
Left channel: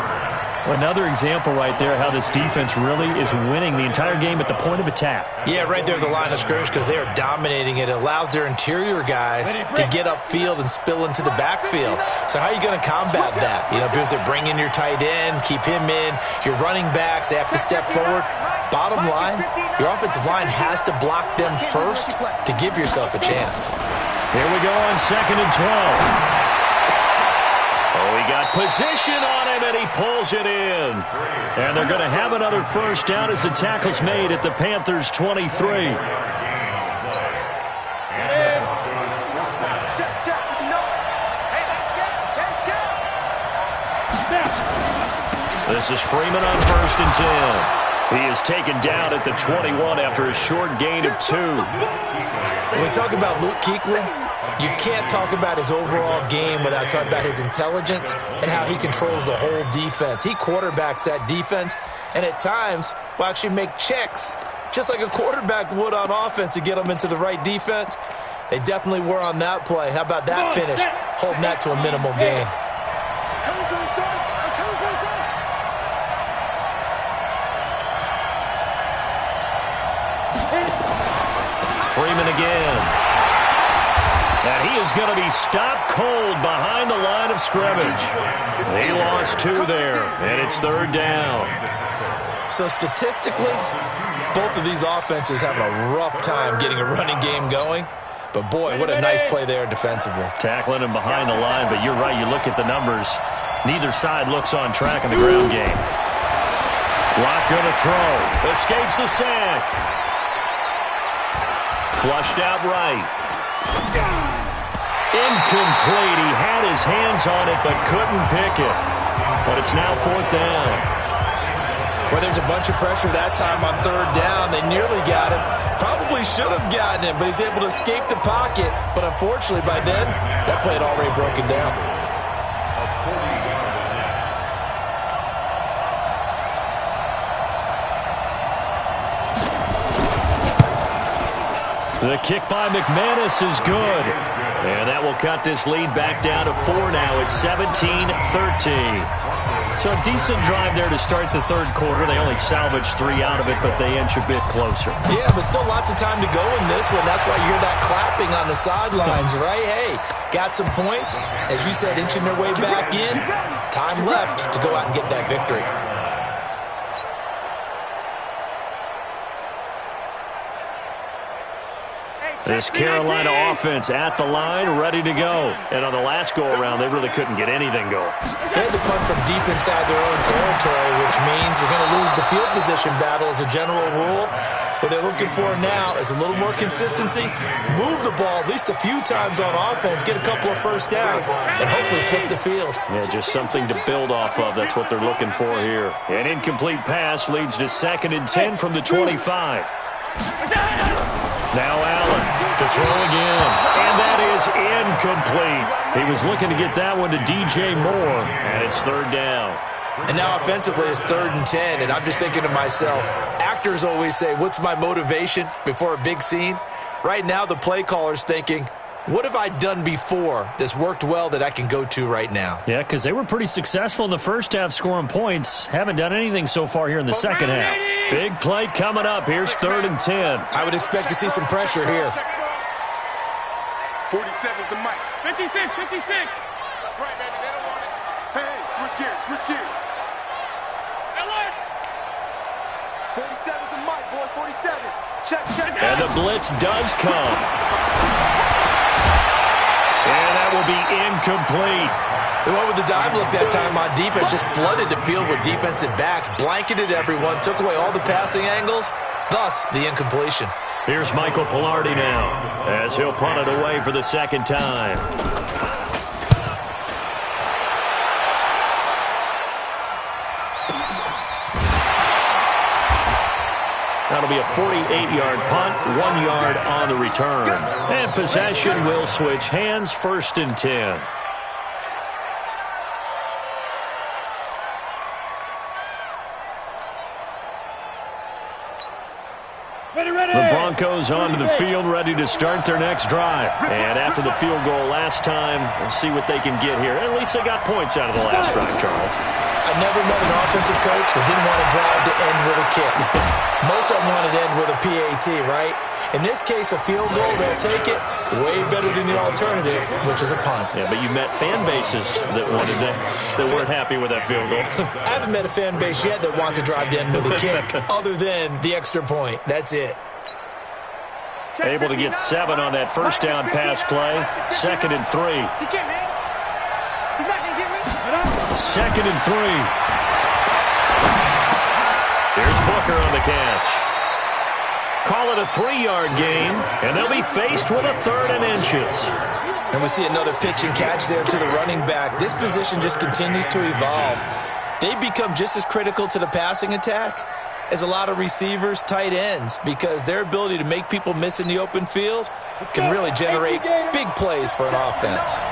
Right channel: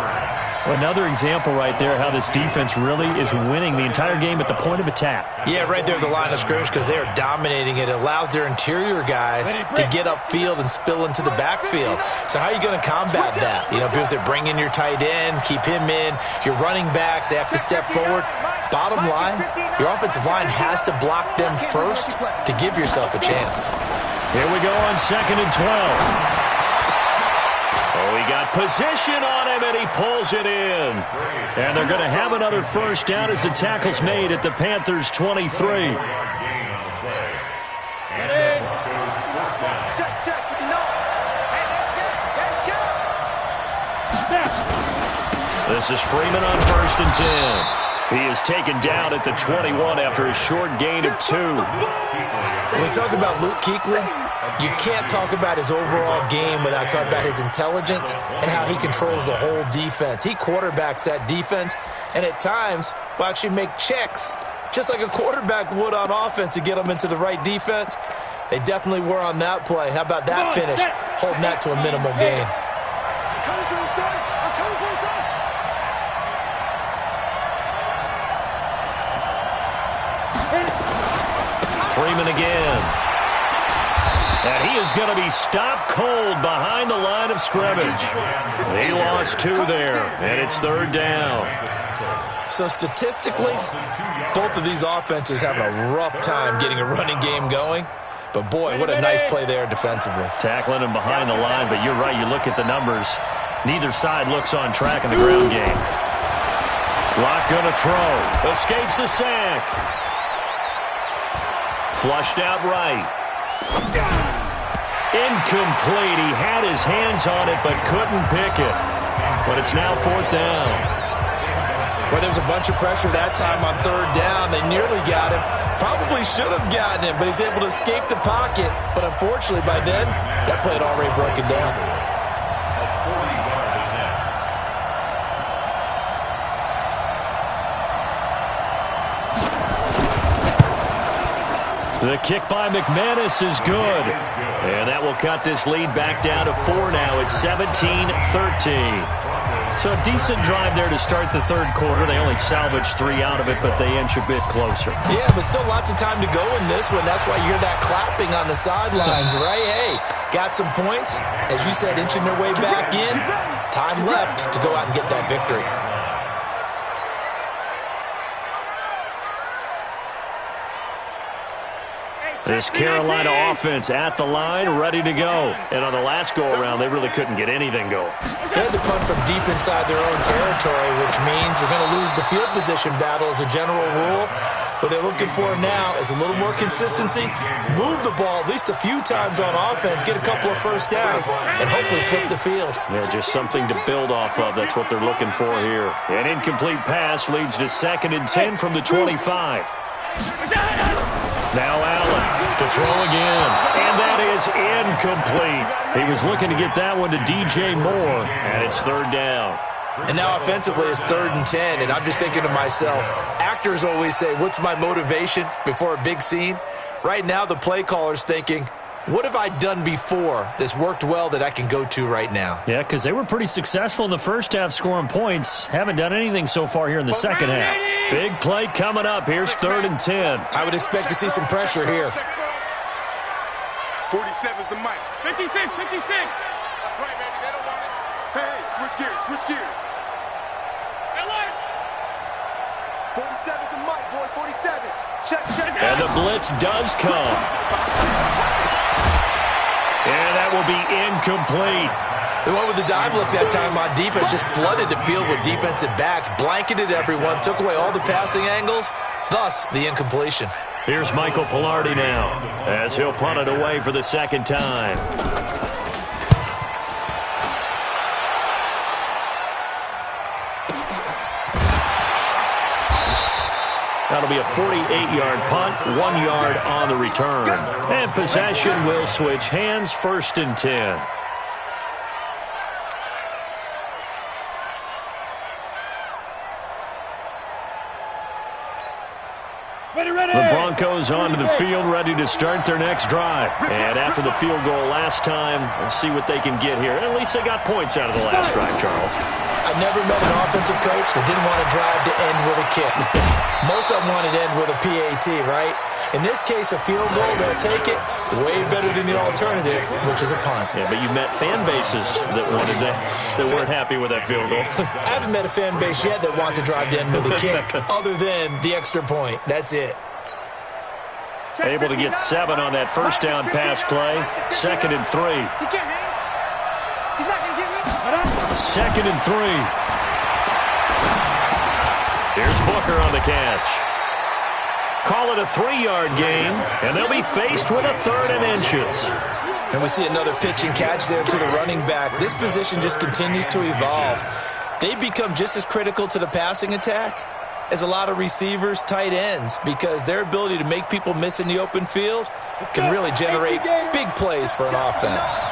Well, another example right there how this defense really is winning the entire game at the point of attack. Yeah, right there at the line of scrimmage because they are dominating it. It allows their interior guys to get upfield and spill into the backfield. So how are you going to combat that? You know, because they bring in your tight end, keep him in. Your running backs, they have to step forward. Bottom line, your offensive line has to block them first to give yourself a chance. Here we go on 2nd and 12. Oh, he got position on him, and he pulls it in. And they're going to have another first down as the tackle's made at the Panthers' 23. Check. Hey, let's go. This is Freeman on 1st and 10. He is taken down at the 21 after a short gain of 2. When we talk about Luke Kuechly, you can't talk about his overall game without talking about his intelligence and how he controls the whole defense. He quarterbacks that defense, and at times will actually make checks, just like a quarterback would on offense to get them into the right defense. They definitely were on that play. How about that finish? Holding that to a minimal gain. I'm coming for you, son. I'm coming for you, son. Freeman again. And he is going to be stopped cold behind the line of scrimmage. He lost 2 there, and it's 3rd down. So statistically, both of these offenses having a rough time getting a running game going. But boy, what a nice play there defensively. Tackling him behind the line, but you're right, you look at the numbers. Neither side looks on track in the ground game. Locke going to throw. Escapes the sack. Flushed out right. Incomplete. He had his hands on it but couldn't pick it. But it's now 4th down. Well, there's a bunch of pressure that time on 3rd down. They nearly got him. Probably should have gotten him, but he's able to escape the pocket. But unfortunately, by then, that play had already broken down. A 40-yard attempt. The kick by McManus is good. And that will cut this lead back down to 4 now. It's 17-13. So a decent drive there to start the 3rd quarter. They only salvaged 3 out of it, but they inch a bit closer. Yeah, but still lots of time to go in this one. That's why you hear that clapping on the sidelines, right? Hey, got some points. As you said, inching their way back in. Time left to go out and get that victory. This Carolina offense at the line, ready to go. And on the last go-around, they really couldn't get anything going. They had to punt from deep inside their own territory, which means they're going to lose the field position battle as a general rule. What they're looking for now is a little more consistency, move the ball at least a few times on offense, get a couple of first downs, and hopefully flip the field. Yeah, just something to build off of. That's what they're looking for here. An incomplete pass leads to 2nd and 10 from the 25. Now Allen to throw again, and that is incomplete. He was looking to get that one to DJ Moore, and it's 3rd down. And now offensively it's 3rd and 10, and I'm just thinking to myself, actors always say, what's my motivation before a big scene? Right now the play caller's thinking, what have I done before that's worked well that I can go to right now? Yeah, because they were pretty successful in the first half scoring points. Haven't done anything so far here in the second half. Big play coming up. Here's 3rd and 10. I would expect to see some pressure here. 47's the mic. 56. That's right, baby. They don't want it. Hey, switch gears. Ellen! 47's the mic, boys. 47. Check. And the blitz does come. And that will be incomplete. They went with the dive look that time on defense, just flooded the field with defensive backs, blanketed everyone, took away all the passing angles, thus the incompletion. Here's Michael Pilardi now as he'll punt it away for the second time. That'll be a 48-yard punt, 1 yard on the return. And possession will switch hands, 1st and 10. The Broncos onto the field, ready to start their next drive. And after the field goal last time, we'll see what they can get here. At least they got points out of the last drive, Charles. I never met an offensive coach that didn't want to drive to end with a kick. Most of them wanted to end with a PAT, right? In this case, a field goal, they'll take it. Way better than the alternative, which is a punt. Yeah, but you met fan bases that weren't happy with that field goal. I haven't met a fan base yet that wants to drive to end with a kick, other than the extra point. That's it. Able to get 7 on that first down pass play. 2nd and 3. He can't hang. He's not going to get me. 2nd and 3. Here's Booker on the catch. Call it a 3-yard gain, and they'll be faced with a 3rd and inches. And we see another pitch and catch there to the running back. This position just continues to evolve. They become just as critical to the passing attack as a lot of receivers, tight ends, because their ability to make people miss in the open field can really generate big plays for an offense.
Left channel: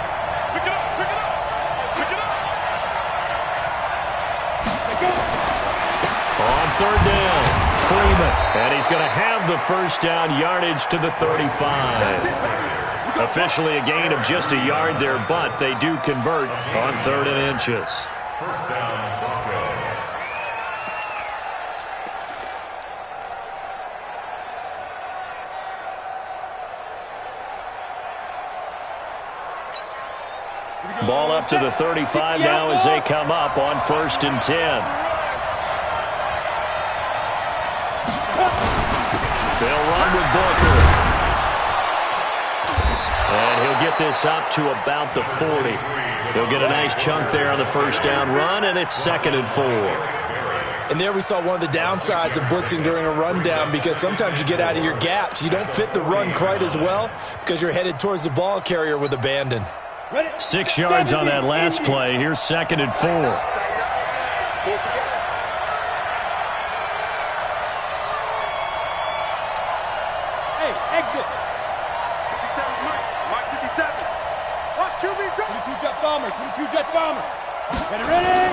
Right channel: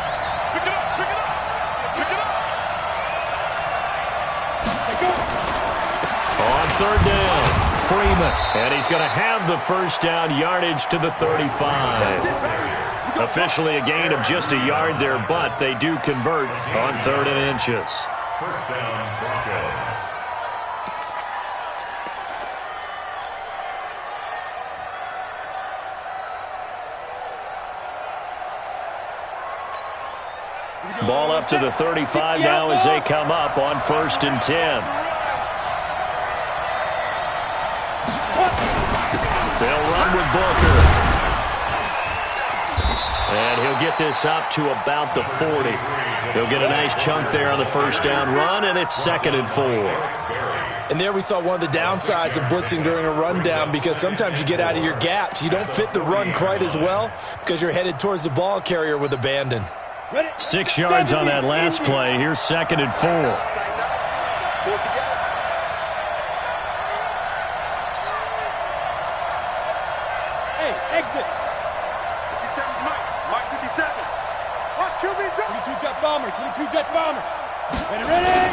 Pick it up, pick it up, pick it up. On 3rd down, Freeman, and he's going to have the first down yardage to the 35. Officially a gain of just a yard there, but they do convert on 3rd and inches. First down, Broncos. Ball up to the 35 now as they come up on 1st and 10. They'll run with Booker. And he'll get this up to about the 40. He'll get a nice chunk there on the first down run, and it's 2nd and 4. And there we saw one of the downsides of blitzing during a rundown, because sometimes you get out of your gaps. You don't fit the run quite as well because you're headed towards the ball carrier with abandon. 6 yards on that last play. Here's 2nd and 4. Hey, exit. 57 Mike. Mike 57. Watch QB drop. 22 jet bomber. 22 jet bomber. Ready?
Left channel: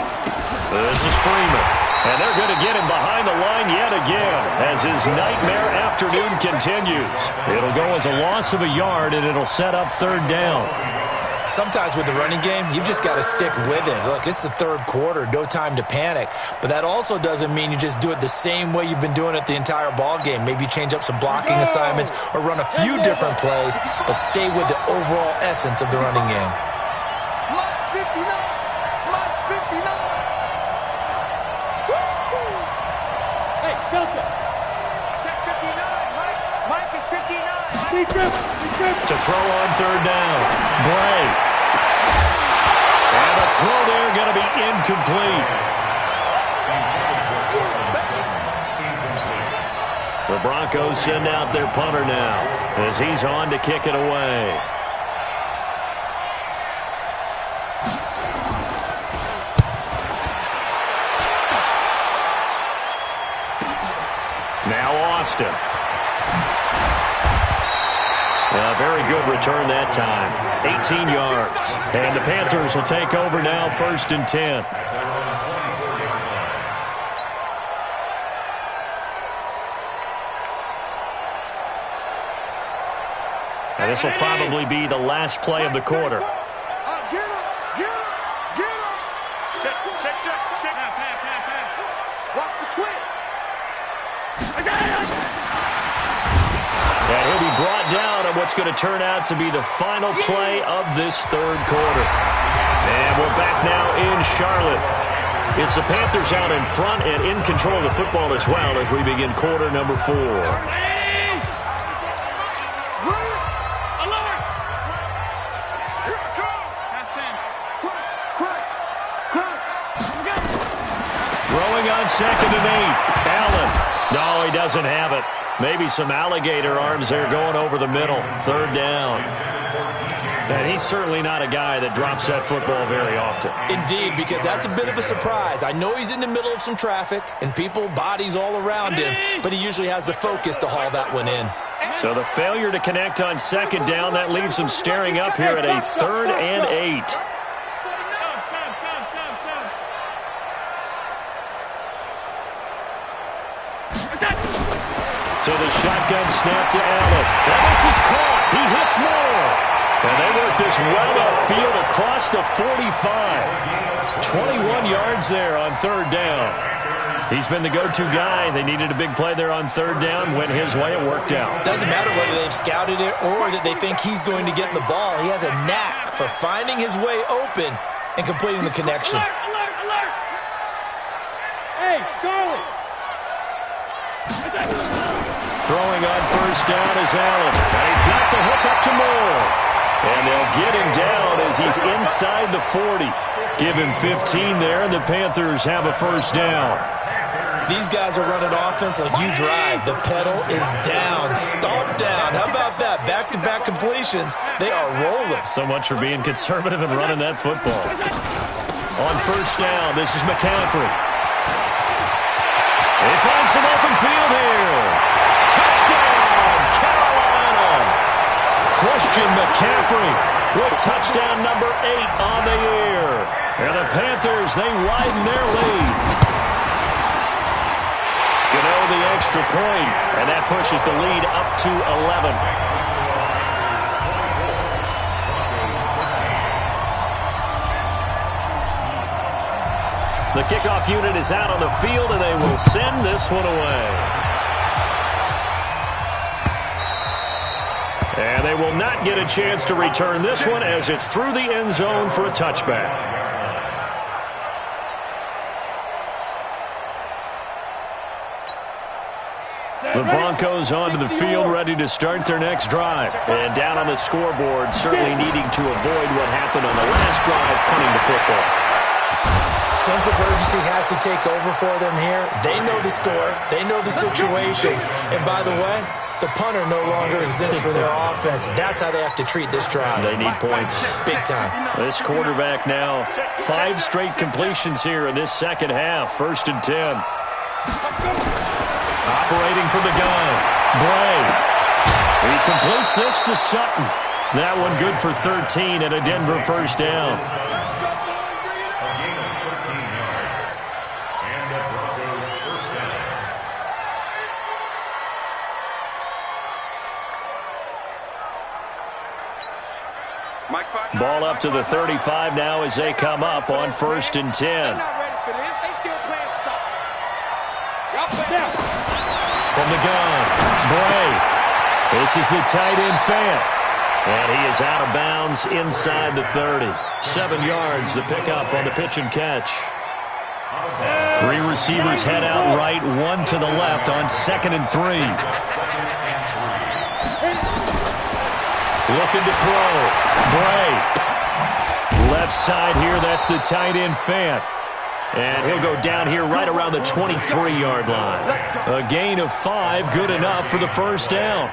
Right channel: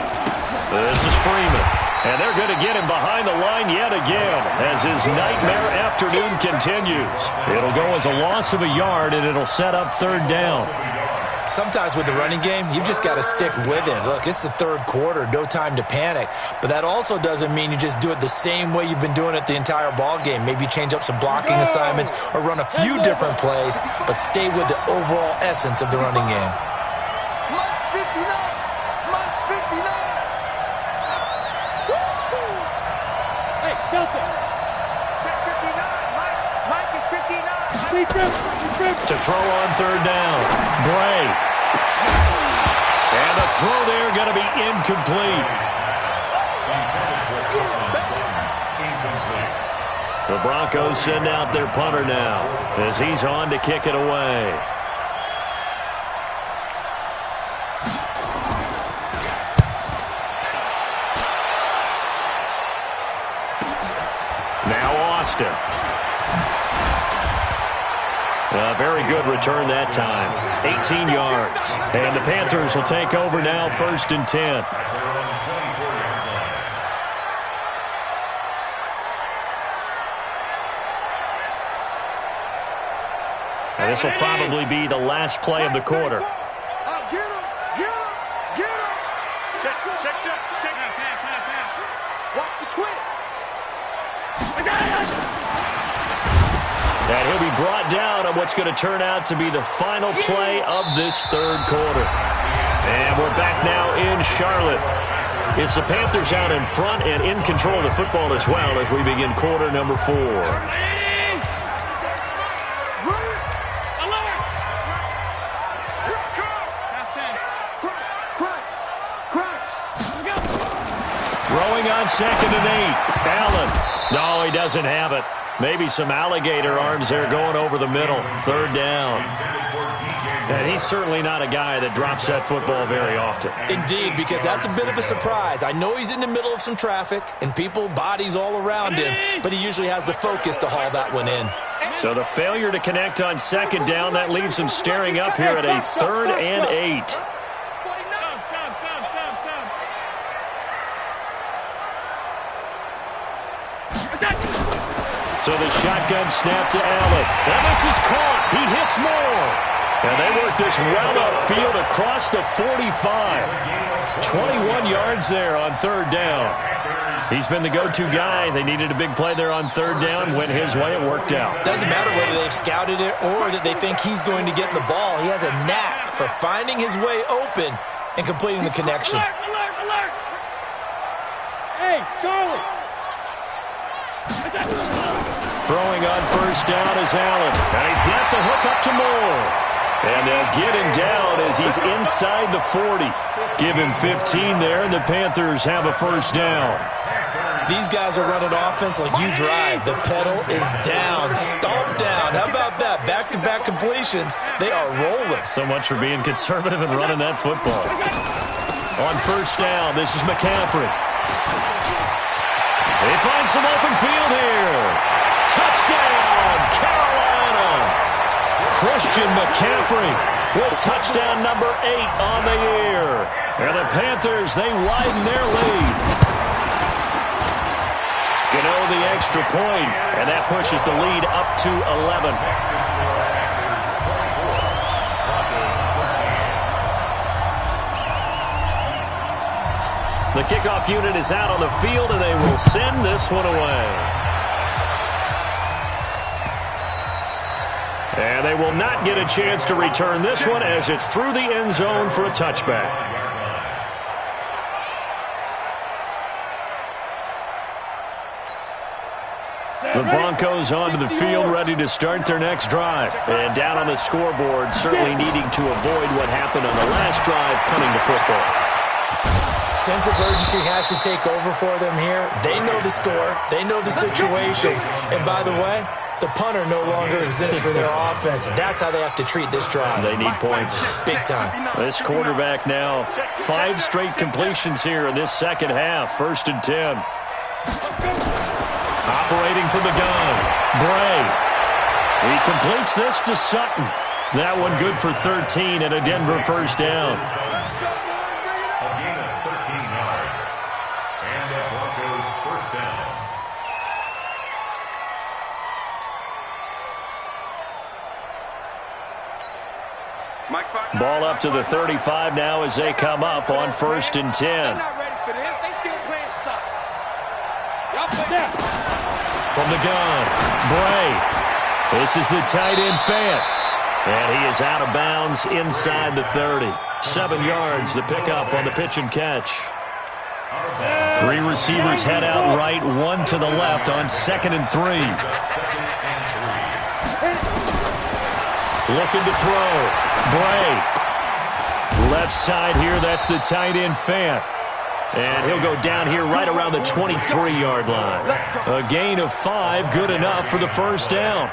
This is Freeman. And they're going to get him behind the line yet again as his nightmare afternoon continues. It'll go as a loss of a yard, and it'll set up 3rd down. Sometimes with the running game, you've just got to stick with it. Look, it's the 3rd quarter, no time to panic. But that also doesn't mean you just do it the same way you've been doing it the entire ball game. Maybe change up some blocking assignments or run a few different plays, but stay with the overall essence of the running game. Mike's 59. Mike's 59. Woo-hoo. Hey, Delta. Check 59. Mike is 59. Big grip. To throw on 3rd down. Bray. And the throw there going to be incomplete. The Broncos send out their punter now as he's on to kick it away. Now Austin. A very good return that time. 18 yards. And the Panthers will take over now, 1st and 10. And this will probably be the last play of the quarter. Get him. Get him. Get him. Check. Pass. Watch the twins. And he'll be brought down on what's going to turn out to be the final play of this 3rd quarter. And we're back now in Charlotte. It's the Panthers out in front and in control of the football as well as we begin quarter number 4. Throwing on 2nd and 8. Allen. No, he doesn't have it. Maybe some alligator arms there going over the middle. 3rd down. And he's certainly not a guy that drops that football very often. Indeed, because that's a bit of a surprise. I know he's in the middle of some traffic and people, bodies all around him, but he usually has the focus to haul that one in. So the failure to connect on 2nd down, that leaves him staring up here at a 3rd and 8. So the shotgun snap to Allen. And this is caught. He hits more. And they work this well upfield across the 45. 21 yards there on 3rd down. He's been the go-to guy. They needed a big play there on 3rd down. Went his way. It worked out. Doesn't matter whether they've scouted it or that they think he's going to get the ball. He has a knack for finding his way open and completing the connection. Alert, alert, alert! Hey, Charlie! Throwing on 1st down is Allen. And he's got the hook up to Moore. And they'll get him down as he's inside the 40. Give him 15 there, and the Panthers have a 1st down. These guys are running offense like you drive. The pedal is down, stomped down. How about that? Back-to-back completions. They are rolling. So much for being conservative and running that football. On 1st down, this is McCaffrey. They find some open field here. Touchdown, Carolina. Christian McCaffrey with touchdown number 8 on the year. And the Panthers, they widen their lead. Gano the extra point, and that pushes the lead up to 11. The kickoff unit is out on the field, and they will send this one away. And they will not get a chance to return this one as it's through the end zone for a touchback. The Broncos onto the field, ready to start their next drive. And down on the scoreboard, certainly needing to avoid what happened on the last drive, punting the football. Sense of urgency has to take over for them here. They know the score. They know the situation. And by the way, the punter no longer exists for their offense. That's how they have to treat this drive. They need points. Big time. This quarterback now, 5 straight completions here in this second half. 1st and 10. Operating from the gun. Bray. He completes this to Sutton. That one good for 13 and a Denver 1st down. Ball up to the 35 now as they come up on 1st and 10. They're not ready for this. They still playing soft. Y'all play now. From the gun, Bray. This is the tight end Fant. And he is out of bounds inside the 30. 7 yards, the pickup on the pitch and catch. 3 receivers head out right, 1 to the left on 2nd and 3. Looking to throw. Bray. Left side here, that's the tight end Fant. And he'll go down here right around the 23-yard line. A gain of 5, good enough for the 1st down.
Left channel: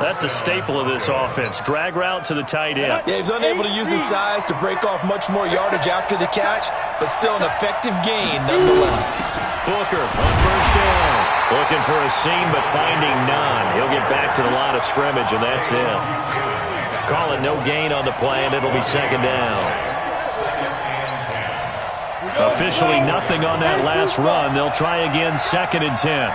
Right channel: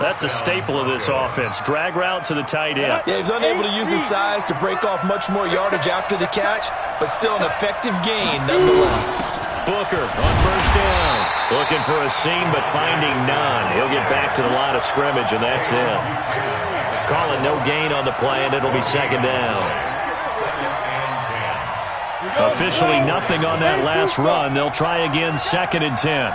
That's a staple of this offense. Drag route to the tight end. Yeah, he's unable to use his size to break off much more yardage after the catch, but still an effective gain nonetheless. Booker on 1st down. Looking for a seam, but finding none. He'll get back to the line of scrimmage, and that's it. Call it no gain on the play, and it'll be 2nd down. Officially nothing on that last run. They'll try again 2nd and 10.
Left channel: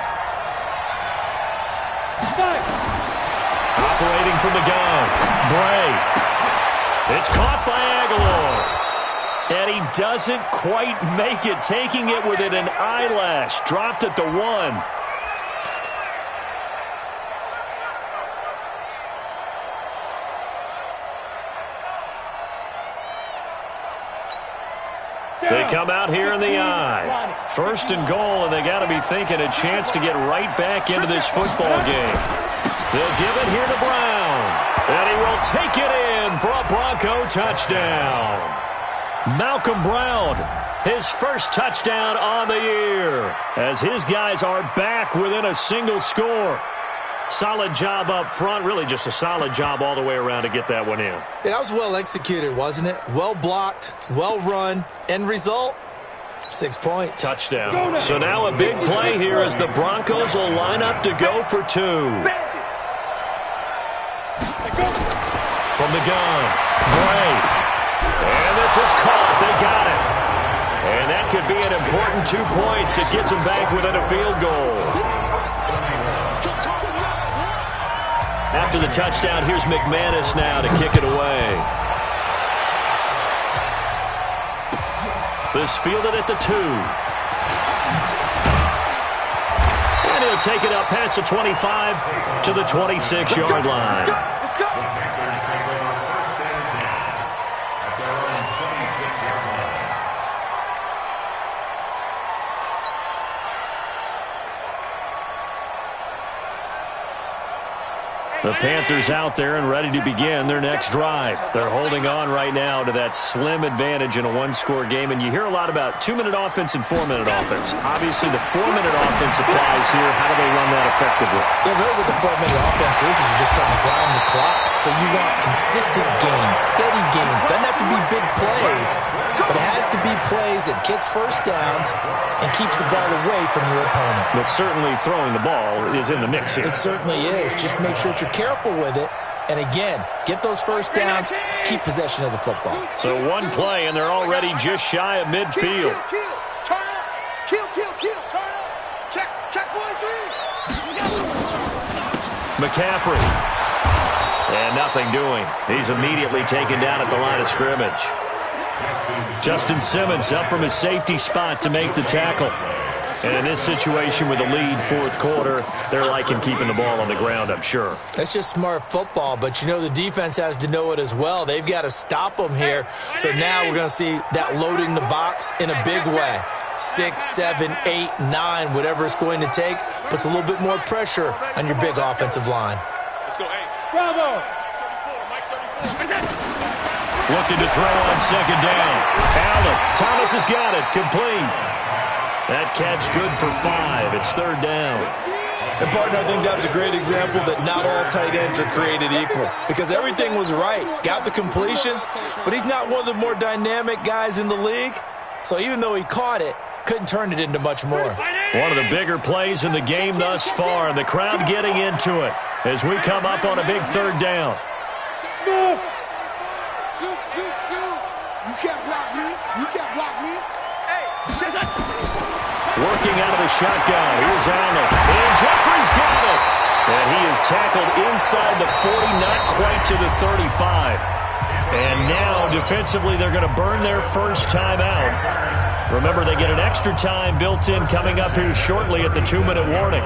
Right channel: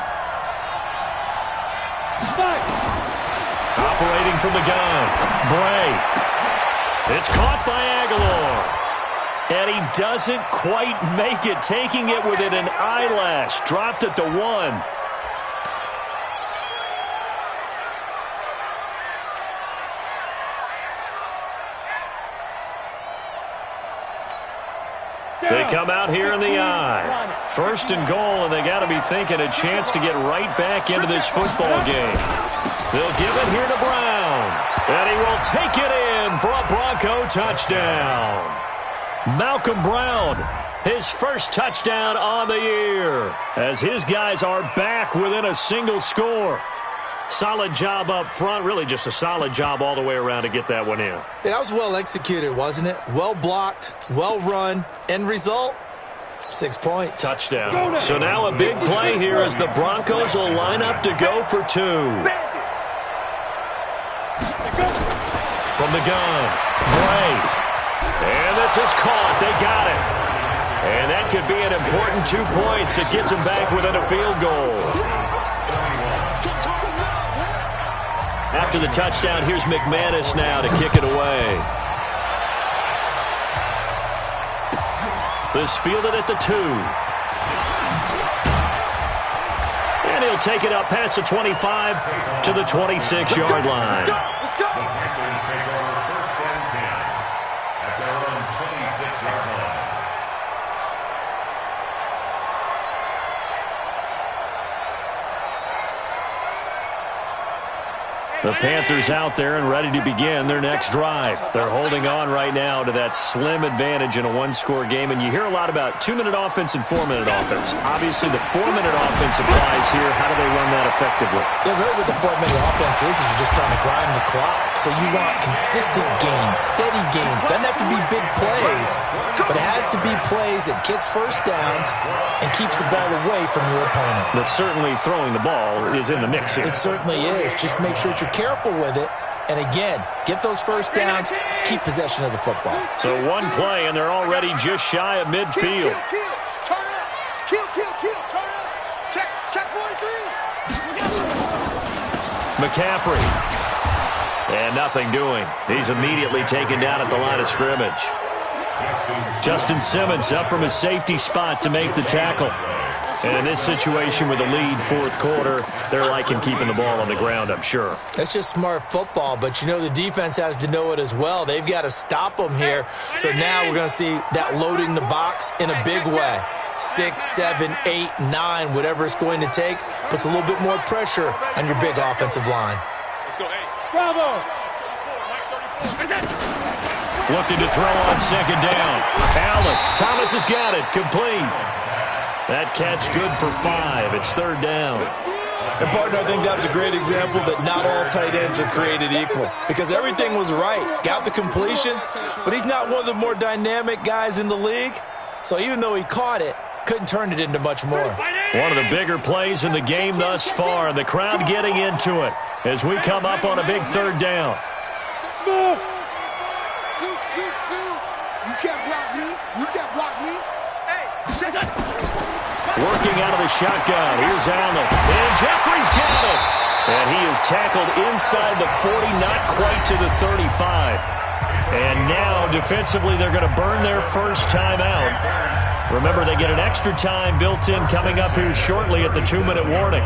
Operating from the gun. Bray. It's caught by Aguilar. And he doesn't quite make it, taking it within an eyelash. Dropped at the 1. They come out here in the eye. 1st and goal, and they got to be thinking a chance to get right back into this football game. They'll give it here to Brown. And he will take it in for a Bronco touchdown. Malcolm Brown his first touchdown on the year, as his guys are back within a single score. Solid job up front, really just a solid job all the way around to get that one in. That was well executed, wasn't it? Well blocked, well run. End result, 6 points. Touchdown. So now a big play here as the Broncos will line up to go for two. From the gun, Bray. And this is caught. They got it. And that could be an important 2 points. It gets them back within a field goal. After the touchdown, here's McManus now to kick it away. This fielded at the 2. And he'll take it up past the 25 to the 26-yard line. Panthers take over 1st and 10 at their own 26-yard line. The Panthers out there and ready to begin their next drive. They're holding on right now to that slim advantage in a one-score game, and you hear a lot about 2-minute offense and 4-minute offense. Obviously, the 4-minute offense applies here. How do they run that effectively? Yeah, really what the 4-minute offense is you're just trying to grind the clock. So you want consistent gains, steady gains. Doesn't have to be big plays, but it has to be plays that gets first downs and keeps the ball away from your opponent. But certainly throwing the ball is in the mix here. It certainly is. Just make sure that you're careful with it. And again, get those first downs, keep possession of the football. So one play, and they're already just shy of midfield. Kill. Turn up. Kill. Turn up. Check 43. McCaffrey. And nothing doing. He's immediately taken down at the line of scrimmage. Justin Simmons up from his safety spot to make the tackle. And in this situation with a lead fourth quarter, they're liking keeping the ball on the ground, I'm sure. That's just smart football, but you know the defense has to know it as well. They've got to stop them here. So now we're going to see that loading the box in a big way. 6, 7, 8, 9, whatever it's going to take, puts a little bit more pressure on your big offensive line. Let's go, hey. Bravo. 34, Mike 34. Looking to throw on second down. Allen. Thomas has got it. Complete. That catch good for 5. It's third down. And, partner, I think that's a great example that not all tight ends are created equal because everything was right. Got the completion, but he's not one of the more dynamic guys in the league. So even though he caught it, couldn't turn it into much more. One of the bigger plays in the game thus far, and the crowd getting into it as we come up on a big third down. Shoot. You can't block me. Working out of the shotgun. Here's Allen. And Jeffrey's got it. And he is tackled inside the 40, not quite to the 35. And now, defensively, they're going to burn their first time out. Remember, they get an extra time built in coming up here shortly at the 2-minute warning.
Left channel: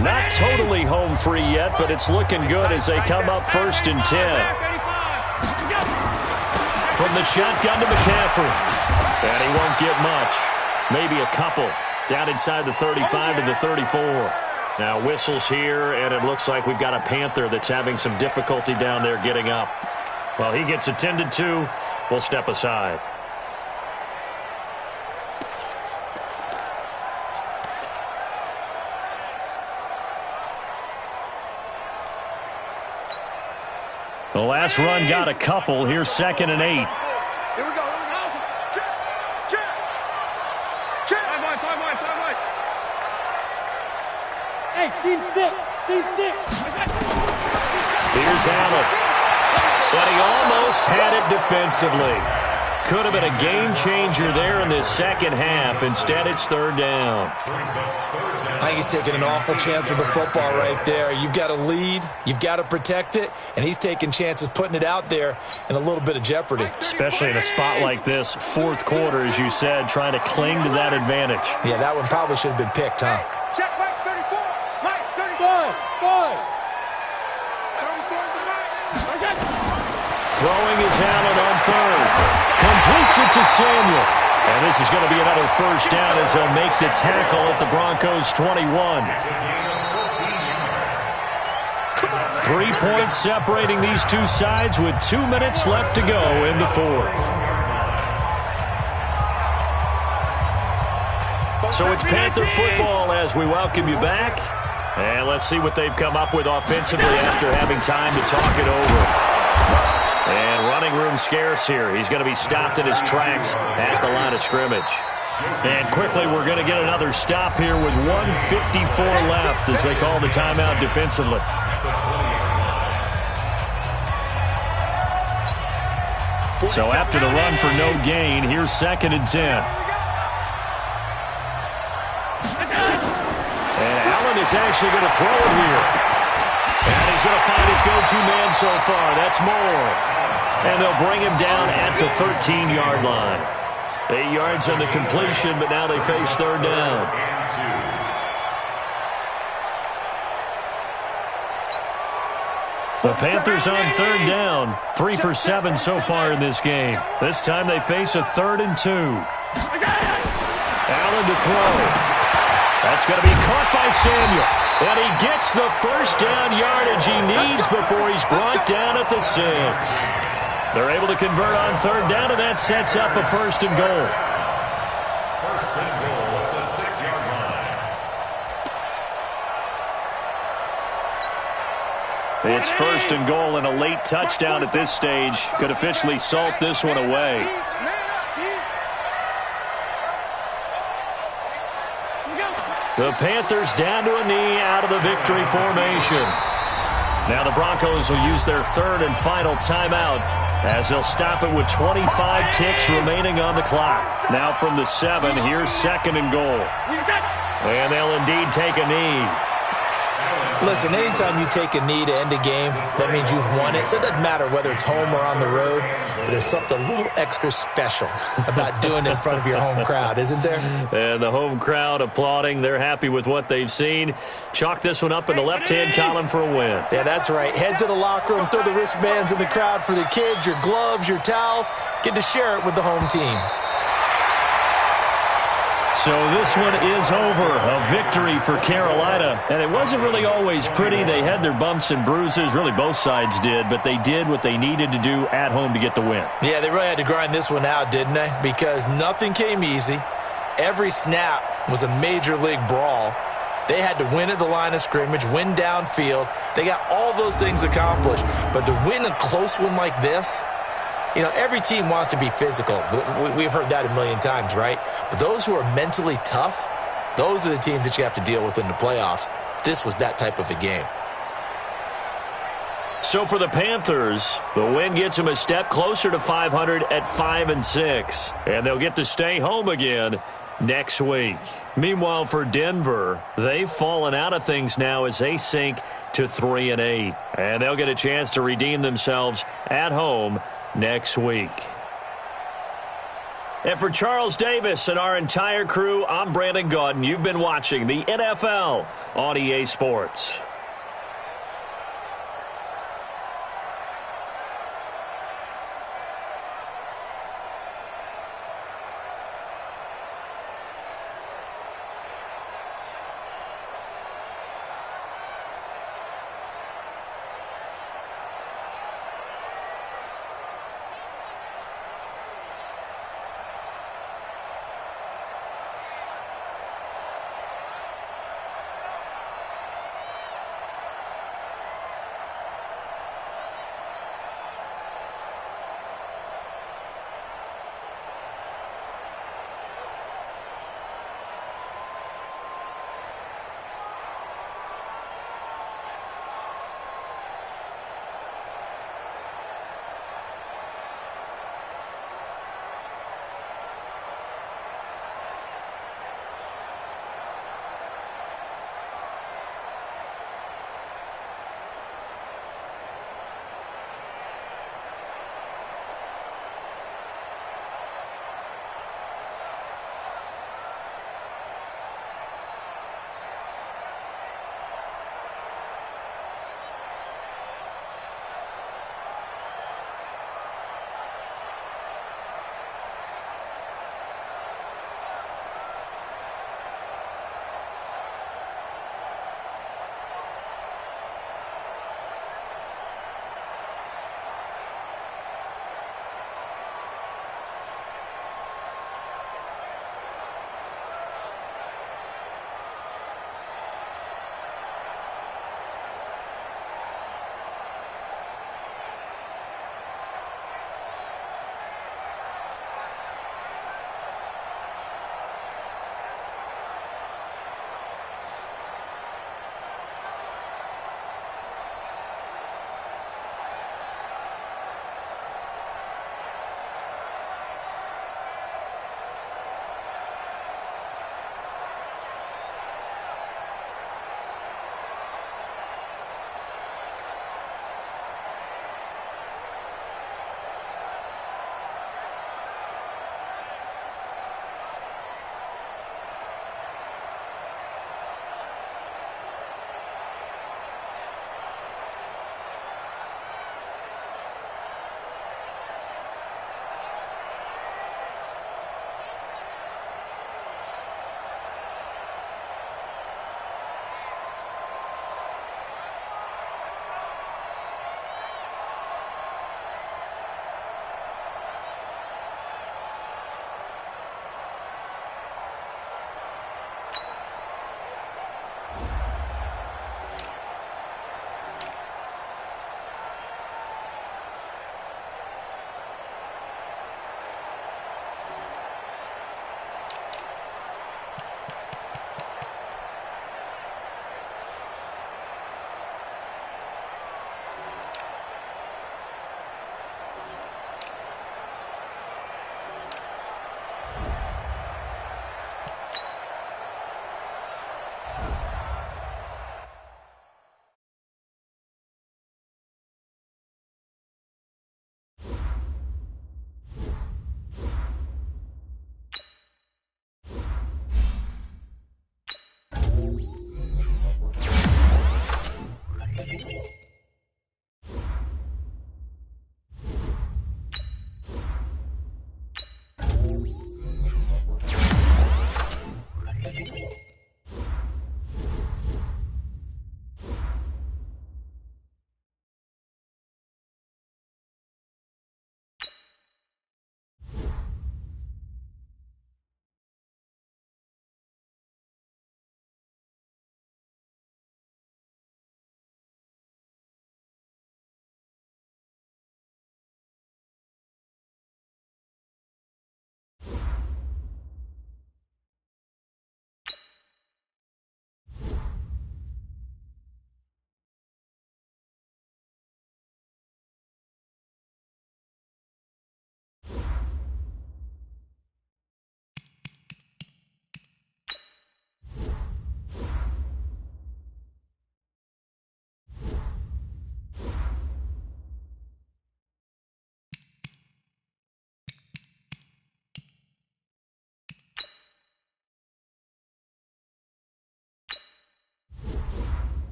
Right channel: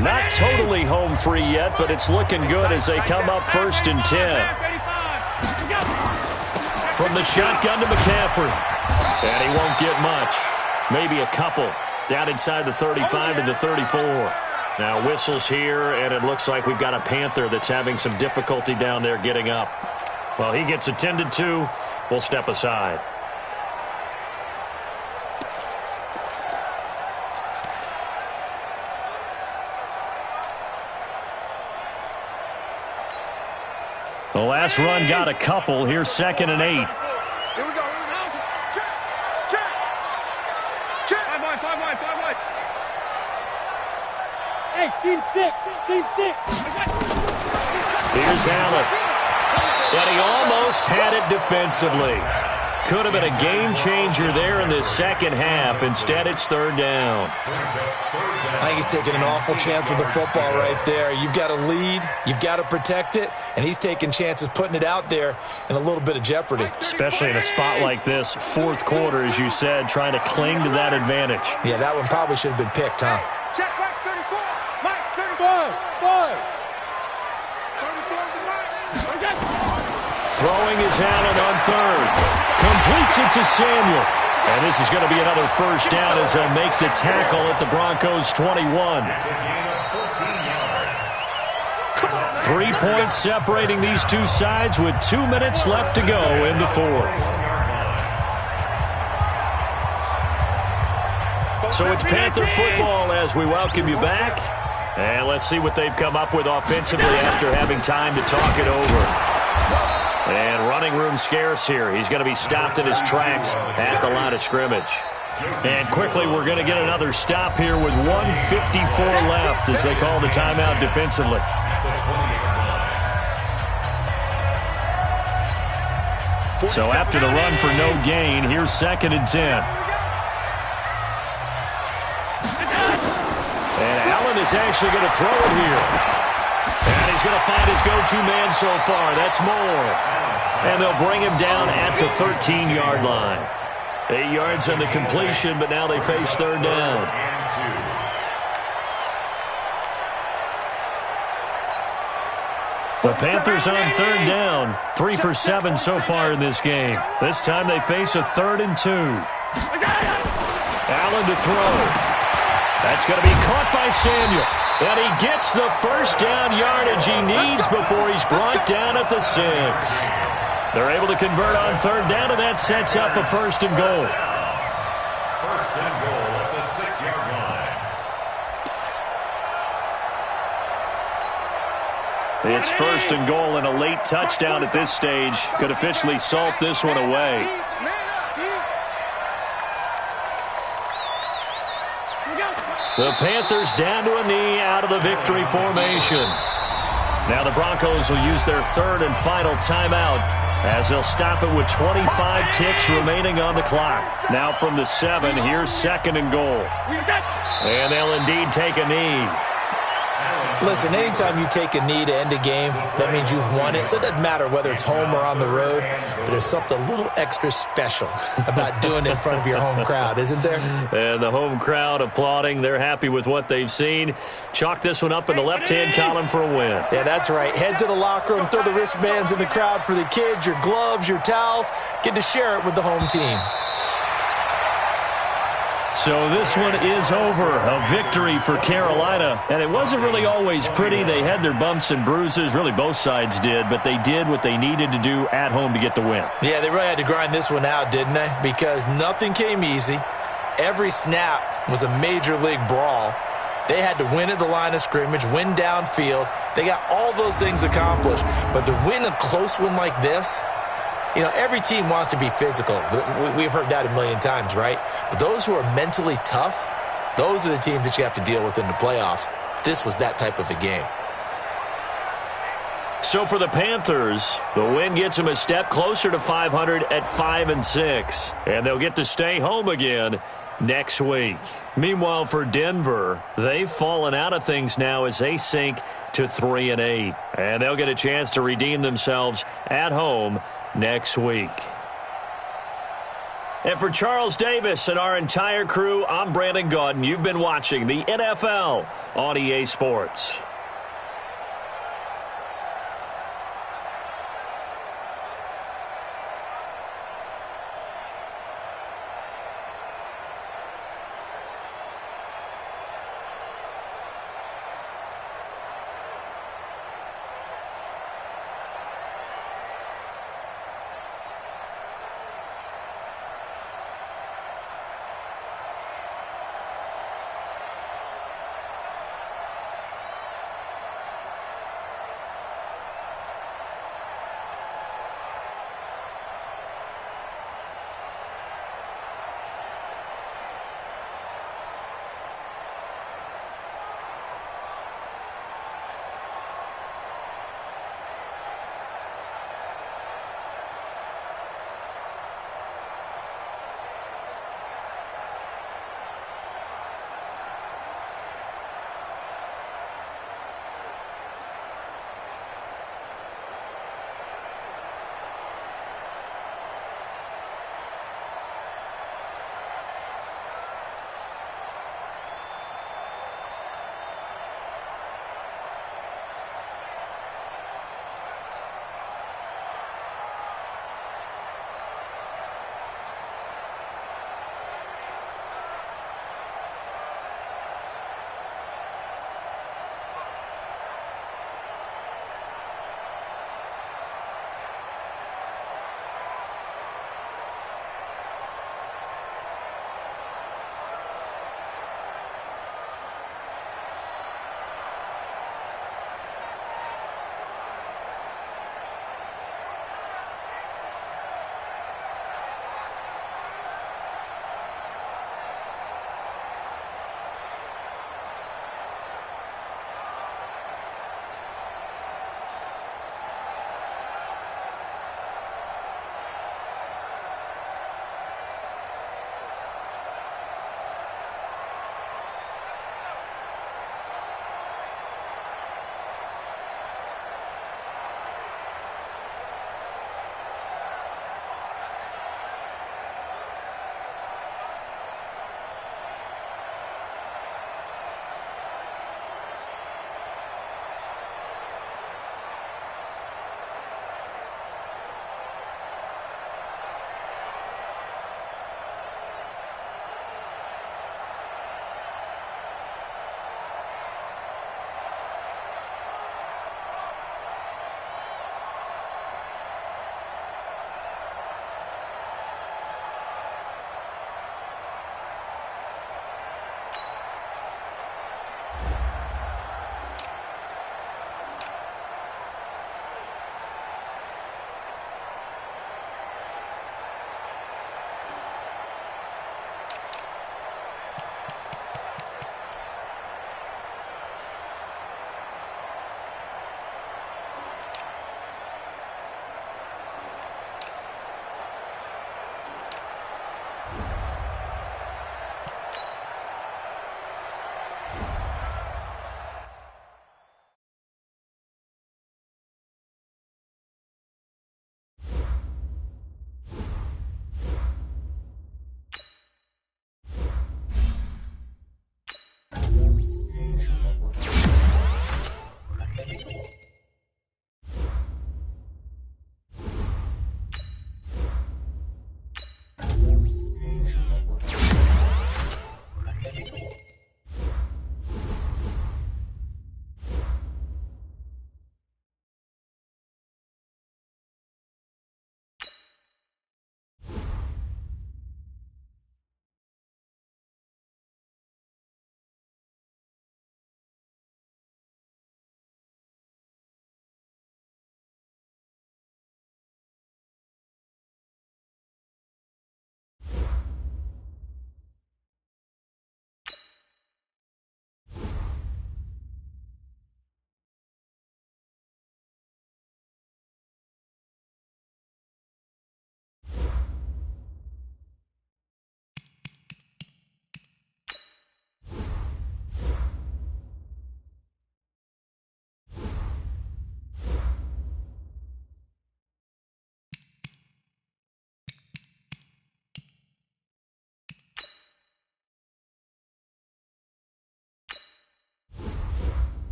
Not totally home free yet, but it's looking good as they come up 1st and 10. From the shotgun to McCaffrey. And he won't get much. Maybe a couple. Down inside the 35 to the 34. Now whistles here, and it looks like we've got a Panther that's having some difficulty down there getting up. Well, he gets attended to. We'll step aside. The last run got a couple. Here's 2nd and 8. Here we go. Check. 5 wide. Hey, seam 6. Here's Allen. And he almost had it defensively. Could have been a game changer there in this second half. Instead, it's third down. I think he's taking an awful chance with the football right there. You've got to lead, you've got to protect it, and he's taking chances putting it out there in a little bit of jeopardy. Especially in a spot like this, fourth quarter, as you said, trying to cling to that advantage. Yeah, that one probably should have been picked, huh? Check Mike 34. Mike 35. 34 is the Mike. Throwing is Allen on third. Completes it to Samuel. And this is going to be another first down as they'll make the tackle at the Broncos' 21. 3 points separating these two sides with 2 minutes left to go in the fourth. So it's Panther football as we welcome you back. And let's see what they've come up with offensively after having time to talk it over. And running room scarce here. He's going to be stopped in his tracks at the line of scrimmage. And quickly, we're going to get another stop here with 1:54 left as they call the timeout defensively. So after the run for no gain, here's 2nd and 10. And Allen is actually going to throw it here. And he's going to find his go-to man so far. That's Moore. And they'll bring him down at the 13-yard line. 8 yards on the completion, but now they face 3rd down. The Panthers on 3rd down. 3 for 7 so far in this game. This time they face a 3rd and 2. Allen to throw. That's going to be caught by Samuel. And he gets the first down yardage he needs before he's brought down at the 6. They're able to convert on 3rd down, and that sets up a 1st and goal. 1st and goal at the 6-yard line. It's 1st and goal, and a late touchdown at this stage could officially salt this one away. The Panthers down to a knee out of the victory formation. Now the Broncos will use their 3rd and final timeout as they'll stop it with 25 ticks remaining on the clock. Now from the 7, here's 2nd and goal. And they'll indeed take a knee. Listen, anytime you take a knee to end a game, that means you've won it. So it doesn't matter whether it's home or on the road, but there's something a little extra special about doing it in front of your home crowd, isn't there? And the home crowd applauding. They're happy with what they've seen. Chalk this one up in the left-hand column for a win. Yeah, that's right. Head to the locker room, throw the wristbands in the crowd for the kids, your gloves, your towels. Get to share it with the home team. So this one is over. A victory for Carolina. And it wasn't really always pretty. They had their bumps and bruises. Really, both sides did. But they did what they needed to do at home to get the win. Yeah, they really had to grind this one out, didn't they? Because nothing came easy. Every snap was a major league brawl. They had to win at the line of scrimmage, win downfield. They got all those things accomplished. But to win a close one like this, you know, every team wants to be physical. We've heard that a million times, right? But those who are mentally tough, those are the teams that you have to deal with in the playoffs. This was that type of a game. So for the Panthers, the win gets them a step closer to 500 at 5-6. And they'll get to stay home again next week. Meanwhile, for Denver, they've fallen out of things now as they sink to 3-8. And they'll get a chance to redeem themselves at home next week. And for Charles Davis and our entire crew, I'm Brandon Gaudin. You've been watching the NFL on EA Sports.